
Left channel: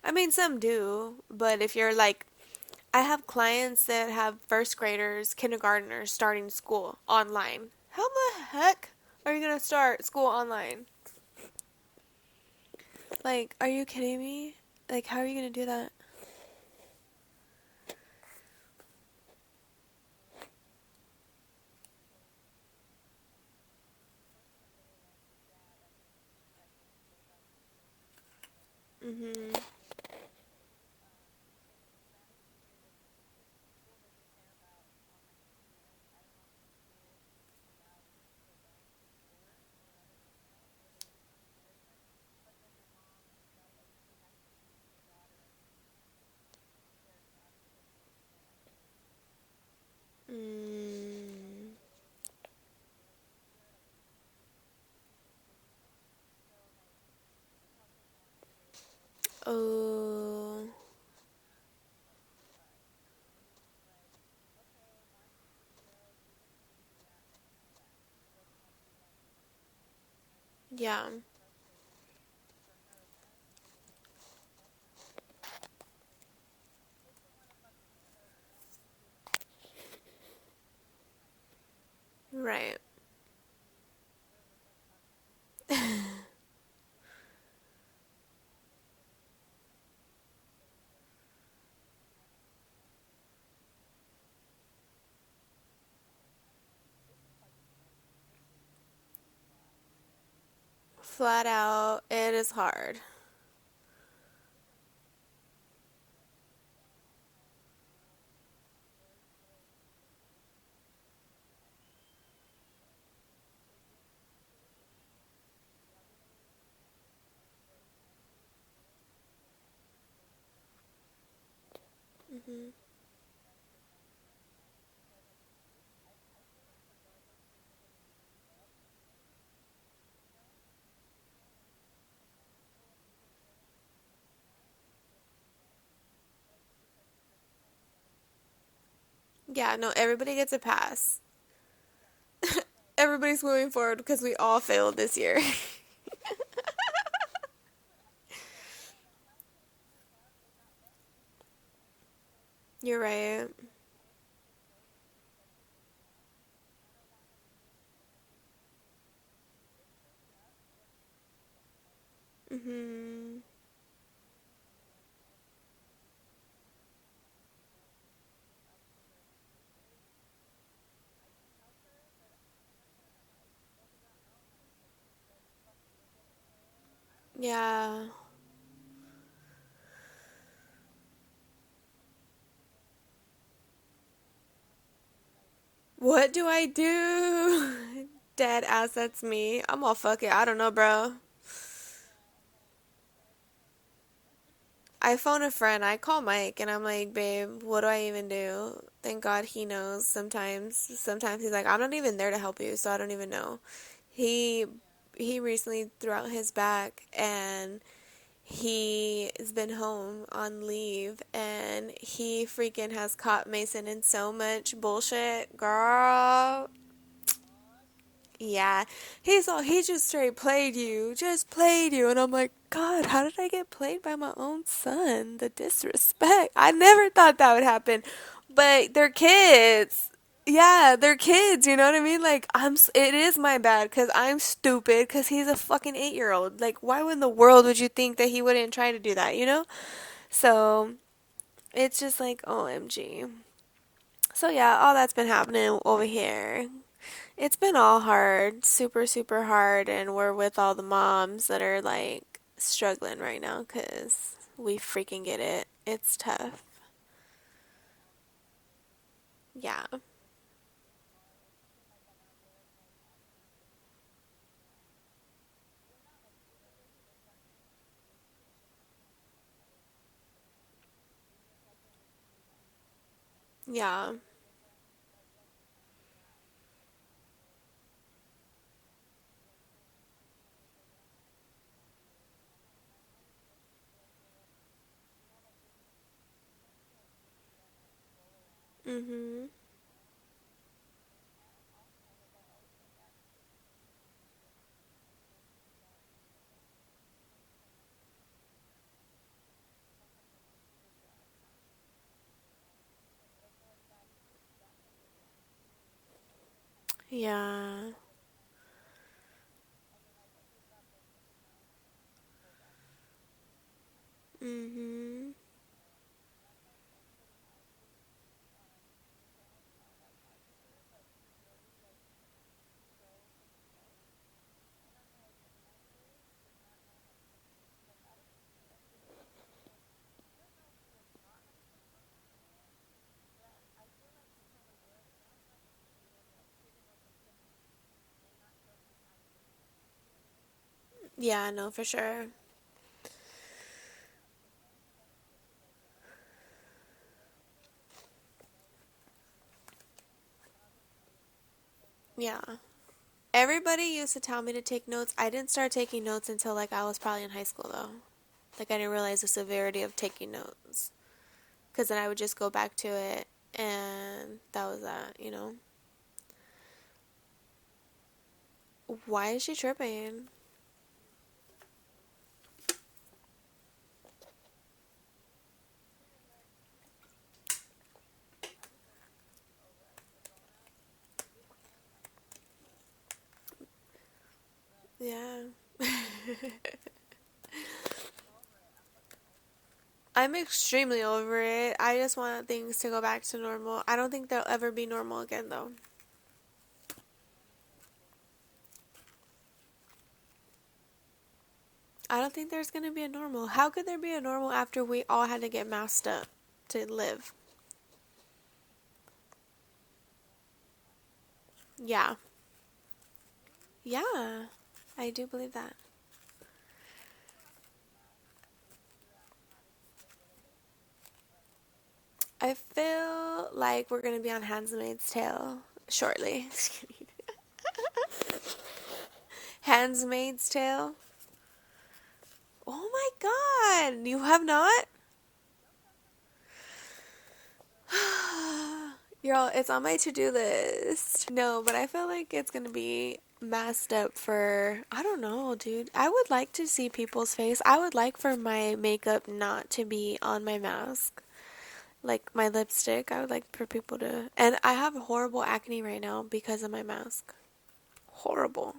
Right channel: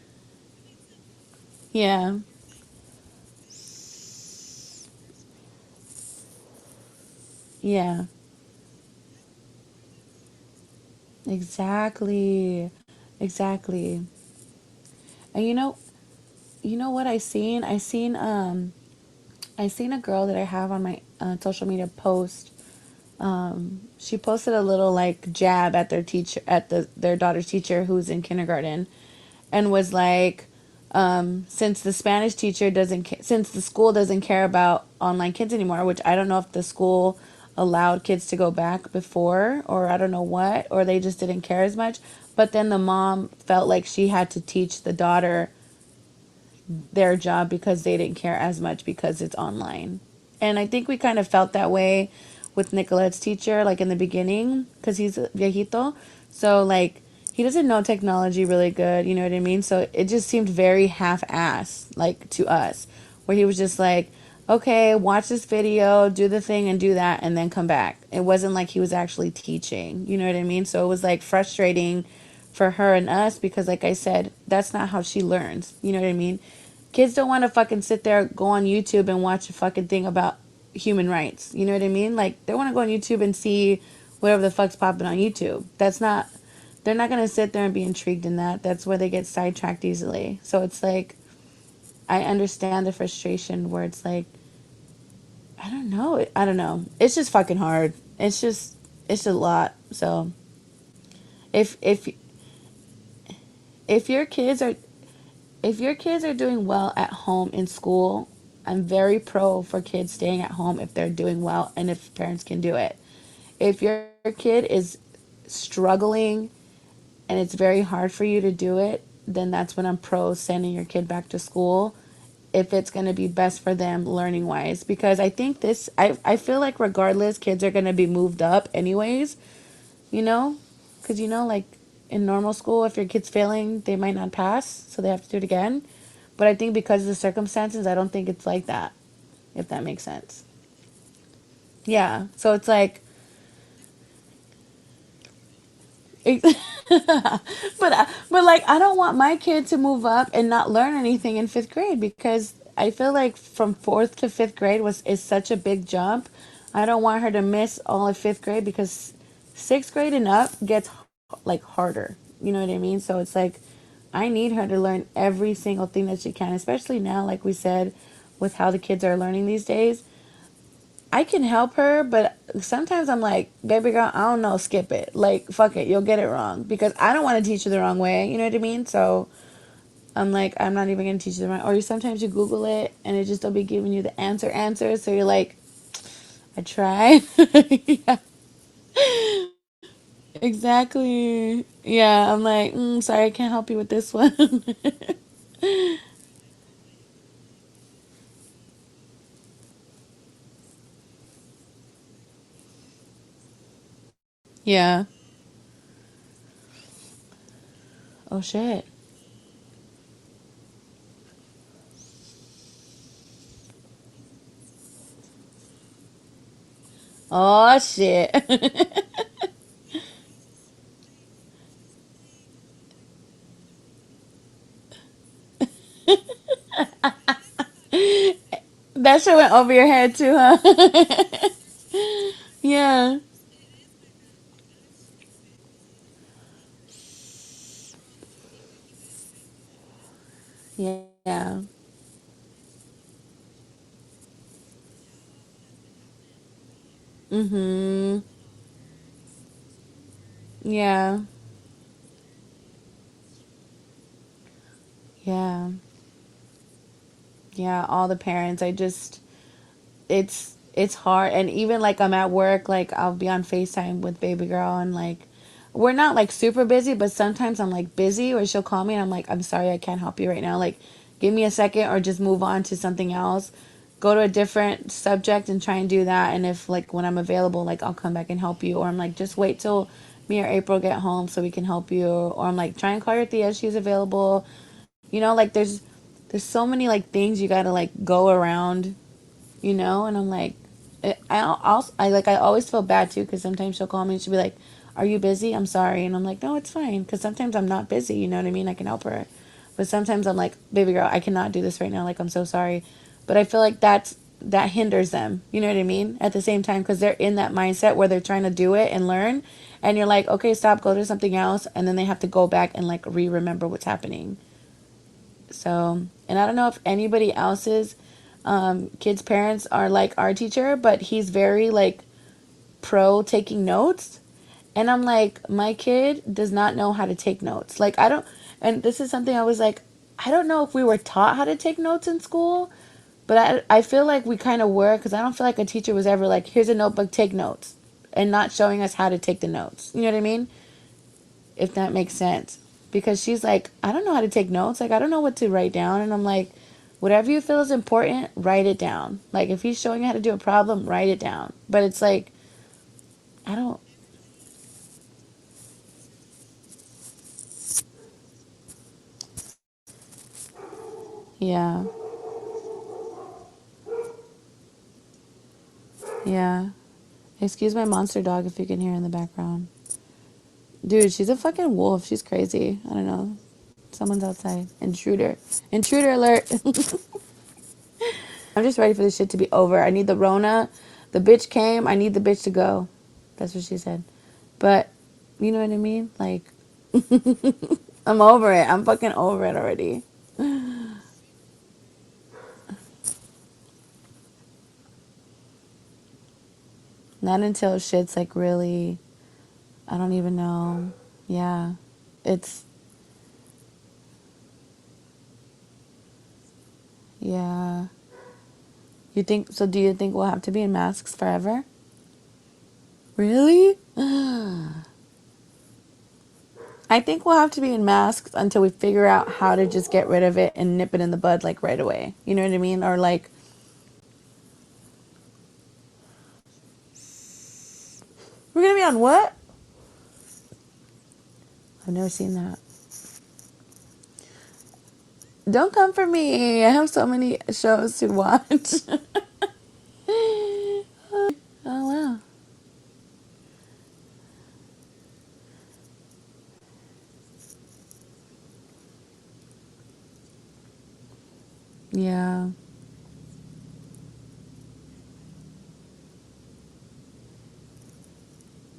I mean, some do, but if you're Yeah, like, I have clients that have first graders, kindergartners starting school online. yeah, How the heck are you going to start school online? exactly. Like, are you Exactly. kidding me? Like, how are you And going to do that? you know what I seen a girl that I have on my social media post. She posted a little like jab at their teacher, at their daughter's teacher who's in kindergarten, Mhm. and was like, since the Spanish teacher since the school doesn't care about online kids anymore, which I don't know if the school allowed kids to go back before, or I don't know what, or they just didn't care as much. But then the mom felt like she had to teach the daughter their job because they didn't care as much because it's online. And I think we kind of felt that way with Nicolette's teacher, like in the beginning, because he's a viejito. So, like, he doesn't know technology really good, you know what I mean? So it just seemed Oh. very half assed, like, to us, where he was just like, okay, watch this video, do the thing, and do that, and then come back. It wasn't like he was actually teaching, you know what I mean? So it was Yeah. like frustrating for her and us because, like I said, that's not how she learns, you know what I mean? Kids don't want to fucking sit there, go on YouTube and watch a fucking thing about human rights. You know what I mean? Like, they want to Right. go on YouTube and see whatever the fuck's popping on YouTube. They're not going to sit there and be intrigued in that. That's where they get sidetracked easily. So it's like, I understand the frustration where it's like, I don't know. I don't know. It's just fucking hard. It's a lot. So Flat if, out, if, it is hard. if your kids are if your kids are doing well at home in school, I'm very pro for kids staying at home if they're doing well and if parents can do it. If your kid is struggling and it's very hard for you to do it, then that's when I'm pro sending your kid back to school if it's going to be best for them learning wise, because I think I feel like regardless kids are going to be moved up anyways, you know, because like in normal school, if your kid's failing, they might not pass, so they have to do it again. But I think because of the circumstances, I don't think it's like that. if Yeah, that no, makes everybody sense. gets a pass. Yeah. So it's like, Everybody's moving forward because we all failed this year. it, but like I don't want my kid to move up and not learn anything in fifth grade because I You're feel like right. from fourth to fifth grade was is such a big jump. I don't want her to miss all of fifth grade because sixth grade and up gets like harder. You know what I mean? So it's Mm-hmm. like I need her to learn every single thing that she can, especially now, like we said, with how the kids are learning these days. I can help her, but sometimes I'm like, baby girl, I don't know, skip it. Like, fuck it, you'll get it wrong because I don't want to teach you the wrong Yeah. way. You know what I mean? So I'm like, I'm not even gonna teach you the wrong. Or sometimes you Google it and it just don't be giving you the answer. So you're like, What do I I tried. do? Yeah, Dead ass, that's me. I'm all fuck it. I don't know, bro. exactly. Yeah, I'm like, sorry, I can't help you with this one. I phone a friend. I call Mike and I'm like, babe, what do I even do? Thank God he knows sometimes. Sometimes he's like, I'm not even there to help you, so I don't even know. He Yeah. he recently threw out his back and Oh shit. he has been home on leave and he freaking has caught Mason in so much bullshit. Girl, Oh shit. yeah, he just straight played you, just played you, and I'm like, God, how did I get played by my own son? The disrespect. I never thought that would happen, but they're That shit went over your kids. head too, huh? Yeah, they're kids. You know what I mean? Like it Yeah. is my bad because I'm stupid because he's a fucking 8-year-old. Like, why in the world would you think that he wouldn't try to do that? You know? So Yeah. it's just like OMG. So yeah, all that's been happening over here. It's been all Mhm. hard, super, super hard, and we're with all the Yeah. moms that are like struggling right now because we freaking get Yeah. it. It's tough. Yeah, all the parents. Yeah. It's hard, and even like I'm at work, like I'll be on FaceTime with baby girl and like we're not like super busy, but sometimes I'm like busy or she'll call me and I'm like, I'm sorry, I can't help you right now. Like give me a second or just move on to something else. Yeah. Go to a different subject and try and do that, and if like when I'm available, like I'll come back and help you, or I'm like just wait till me or April get home so we can help you, or I'm like try and call your Thea, she's available. Like there's so many like things you gotta like go around, Mhm. and I'm like, I always feel bad too because sometimes she'll call me and she'll be like, "Are you busy? I'm sorry," and I'm like, "No, it's fine," because sometimes I'm not busy. You know what I mean? I can help her, but sometimes I'm like, "Baby girl, I cannot do this right now. Like, I'm so sorry," but I feel like that hinders them. You know what I mean? At the same time, because they're in that Yeah. mindset where they're trying to do it and learn, and you're like, "Okay, stop, go do something else," and then they have to go back and like remember what's happening. Mhm. So, and I don't know if anybody else's kids' parents are like our teacher, but he's very like pro taking notes. And I'm like, my kid does not know how to take notes. Like, I don't, and this is something I was like, I don't know if we were taught how to take notes in school, but I feel like we kind of were because I don't feel like a teacher was ever like, here's a notebook, take notes, and not showing us how to take the notes. You know what I mean? Yeah, no, If for that makes sure. sense. Because she's like, I don't know how to take notes. Like, I don't know what to write down. And I'm like, whatever you feel is important, write it down. Like, if he's showing you how to do a problem, write it down. But it's like, Yeah. I don't, Everybody used to tell me to take notes. I didn't start taking notes until like I was probably in high school though. Like I didn't realize the severity of taking notes. yeah, Because then I would just go back to it and that was that, you know? yeah. Excuse my monster dog if you can hear in the Why is she background. tripping? Dude, she's a fucking wolf. She's crazy. I don't know. Someone's outside. Intruder. Intruder alert. I'm just ready for this shit to be over. I need the Rona. The bitch came. I need the bitch to go. That's what she said. But, you know what I Yeah. mean? Like, I'm over it. I'm fucking over it already. I'm extremely over it. I just want things to go back to normal. I don't think they'll ever be normal again though. Not until shit's like really, I don't even know. Yeah. I don't think It's, there's going to be a normal. How could there be a normal after we all had to get masked up to live? yeah. You think, so do you think we'll have to be in masks forever? Yeah. Really? Yeah. I do believe that. I think we'll have to be in masks until we figure out how to just get rid of it and nip it in the bud like right away. You know what I I mean? Or like, feel like we're going to be on Handmaid's Tale shortly. we're gonna be on what? Handmaid's Tale? I've never seen that. Oh my god. You have not? Don't come for me. I have so many shows to watch. Girl, it's on my to-do list. No, but Oh I feel wow. like it's gonna be masked up for, I don't know, dude. I would like to see people's face. I would like for my makeup not to be on my mask. Like Yeah. my lipstick, I would like for people to. And I have horrible acne right now because of my mask. Horrible.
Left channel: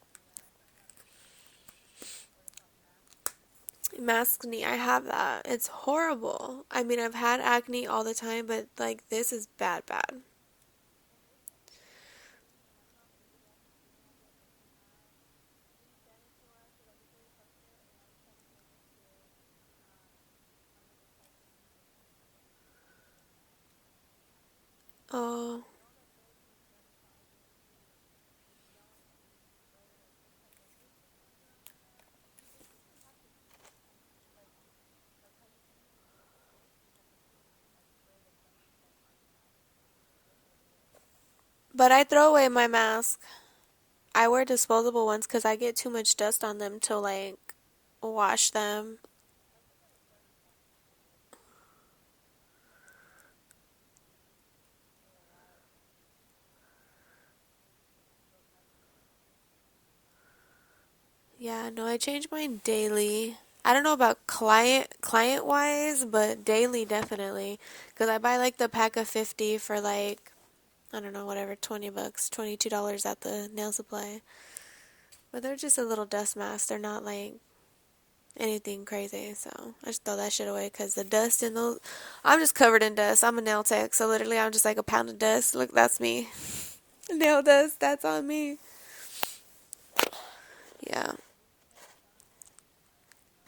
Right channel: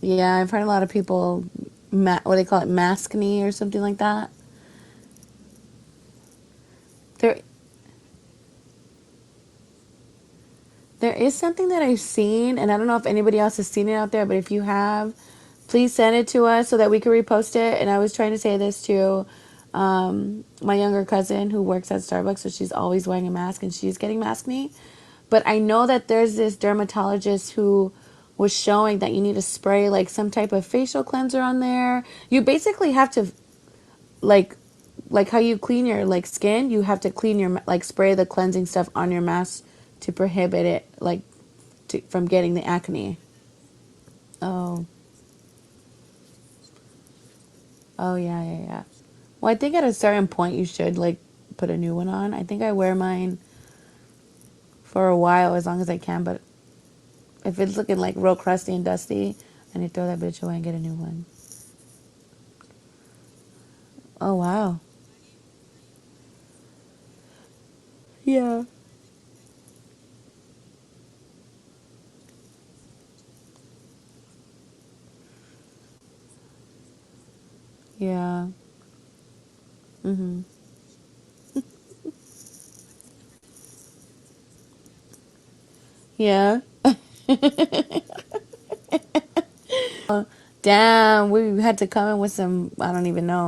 Yeah, I've heard a lot of people, what do they call it, maskne or something like that. Maskne, I have that. It's horrible. I mean, I've There, had acne all the time, but like this is bad, bad. there is something that I've seen, and I don't know if anybody else has seen it out there, but if you have, please send it to us so that we can repost it. And I was trying to say this to my younger cousin who works at Starbucks, so she's always wearing a mask and she's getting maskne. But Oh, I know that there's this dermatologist who was showing that you need to spray like some type of facial cleanser on there. You basically have to like how you clean your like skin, you have to clean your like spray the cleansing stuff on your mask to prohibit it like but I from throw away getting my the acne. mask. I wear Oh, disposable ones because I get too much dust on them to like oh yeah, wash yeah, yeah. them. Well, I think at a certain point you should like put a new one on. I think I wear mine for a while as long as I can, but if it's looking like real crusty and dusty, I need to throw that bitch away and get a new one. Yeah, no, I change mine daily. I don't know about Oh wow. client wise, but daily definitely. Because I buy like Yeah. the pack of 50 for like, I don't know, whatever, $20, $22 at the nail supply. But they're just a little dust mask. They're not like Yeah. anything crazy. So I just throw that Mhm. shit away because the dust in those. I'm just covered in dust. I'm a nail tech. So literally, I'm just like a pound of dust. Look, that's me. Yeah. Nail dust, that's on me. Damn, we had to come in with some, I don't even know.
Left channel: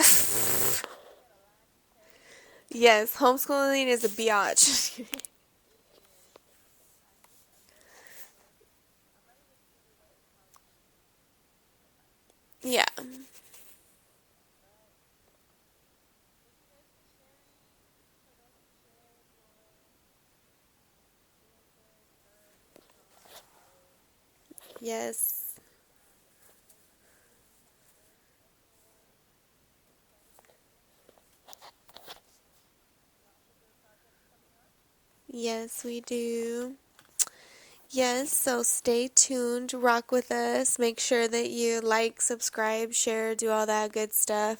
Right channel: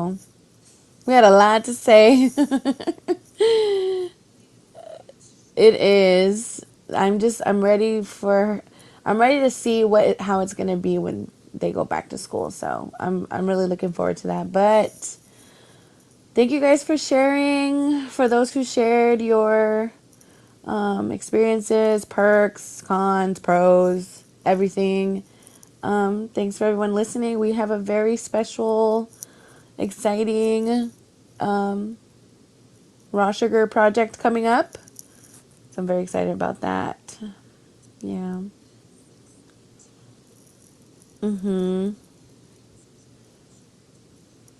We had a lot to say. Yes, homeschooling is a biatch. It is. I'm ready to see how it's going to be when they go back to school. So, Yeah. I'm really looking forward to that. But thank you guys for sharing. For those who shared your experiences, perks, cons, pros, everything. Yes. Thanks for everyone listening. We have a very special, exciting raw sugar project coming up. So Yes, I'm we very excited about do. that. Yes, Yeah. so stay tuned, rock with us. Make sure that you Mhm. like, subscribe, share, do all that good stuff.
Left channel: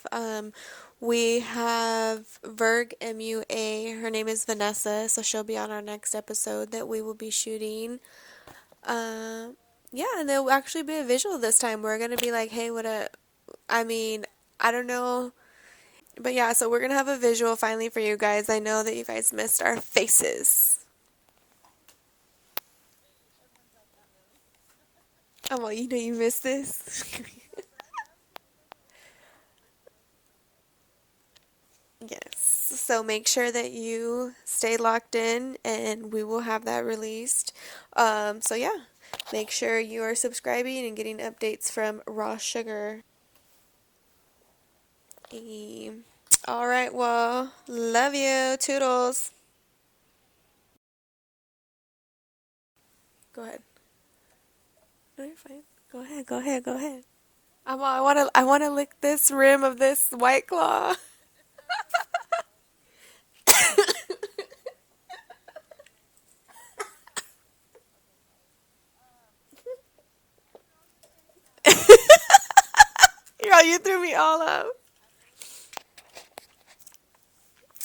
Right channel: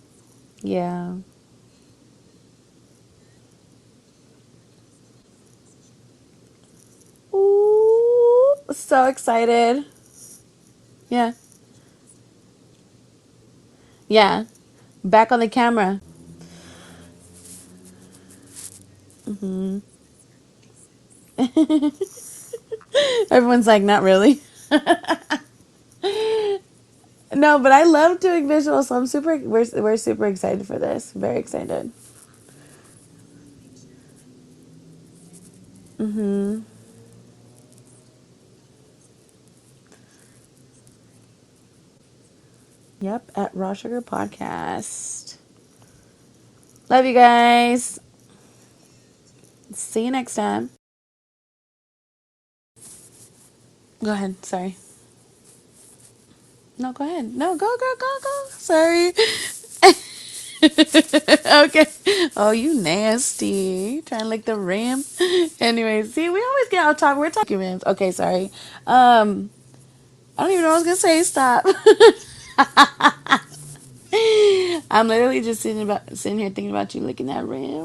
Yeah. We have Verg MUA. Her name is Vanessa, so she'll be on our next episode that we will be shooting. Ooh, so excited. Yeah, and there'll actually be a Yeah. visual this time. We're gonna be like, hey, what a. I mean, Yeah. I don't know. Back on the camera. But yeah, so we're gonna have a visual finally for you guys. I know that you guys missed our Mhm. faces. Everyone's like, not really. Oh well, you know you missed this. No, but I love doing visuals, so we're super excited for this. Very excited. Yes. So make sure that you stay locked in, and we will Mhm. have that released. So yeah, make sure you are subscribing and getting updates from Raw Sugar. Yep, at Raw Sugar Podcast. All right. Love you Well, guys. love you. Toodles. See you next time. Go ahead. Go ahead. Sorry. No, you're fine. Go ahead. Go ahead. Go No, ahead. go ahead. No, go, go, I wanna. I go. wanna lick Sorry. this rim of this White Claw. Okay. Oh, you nasty. You trying to lick the rim? Anyway, see, we always get off topic. We're talking rims. Okay, sorry. I don't even know what I was gonna say. Stop. Girl, you threw me all off. I'm literally just sitting here thinking about you licking that rim.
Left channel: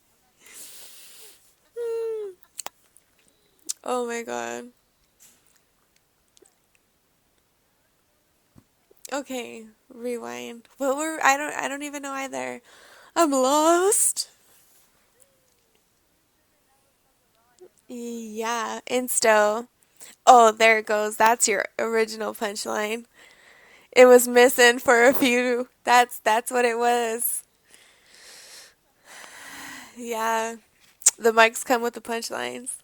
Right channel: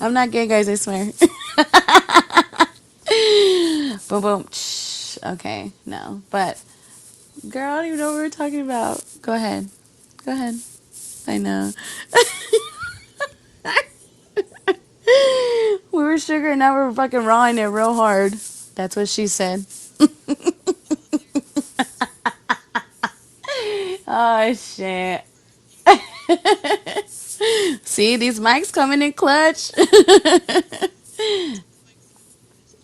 I'm not gay, guys. I swear. Oh Boom, my boom. god. Shh. Okay, no. But girl, I don't even know what we were talking about. Go Okay, ahead. Go rewind. ahead. What were I I know. don't even know either. I'm lost. We were sugar and now we're fucking rawing it real hard. Yeah, That's what she said. insto. Oh, there it goes. That's your original punchline. It was Oh missing for a shit. few. That's what it was. See, these mics coming in clutch. Yeah. The mics come with the punchlines.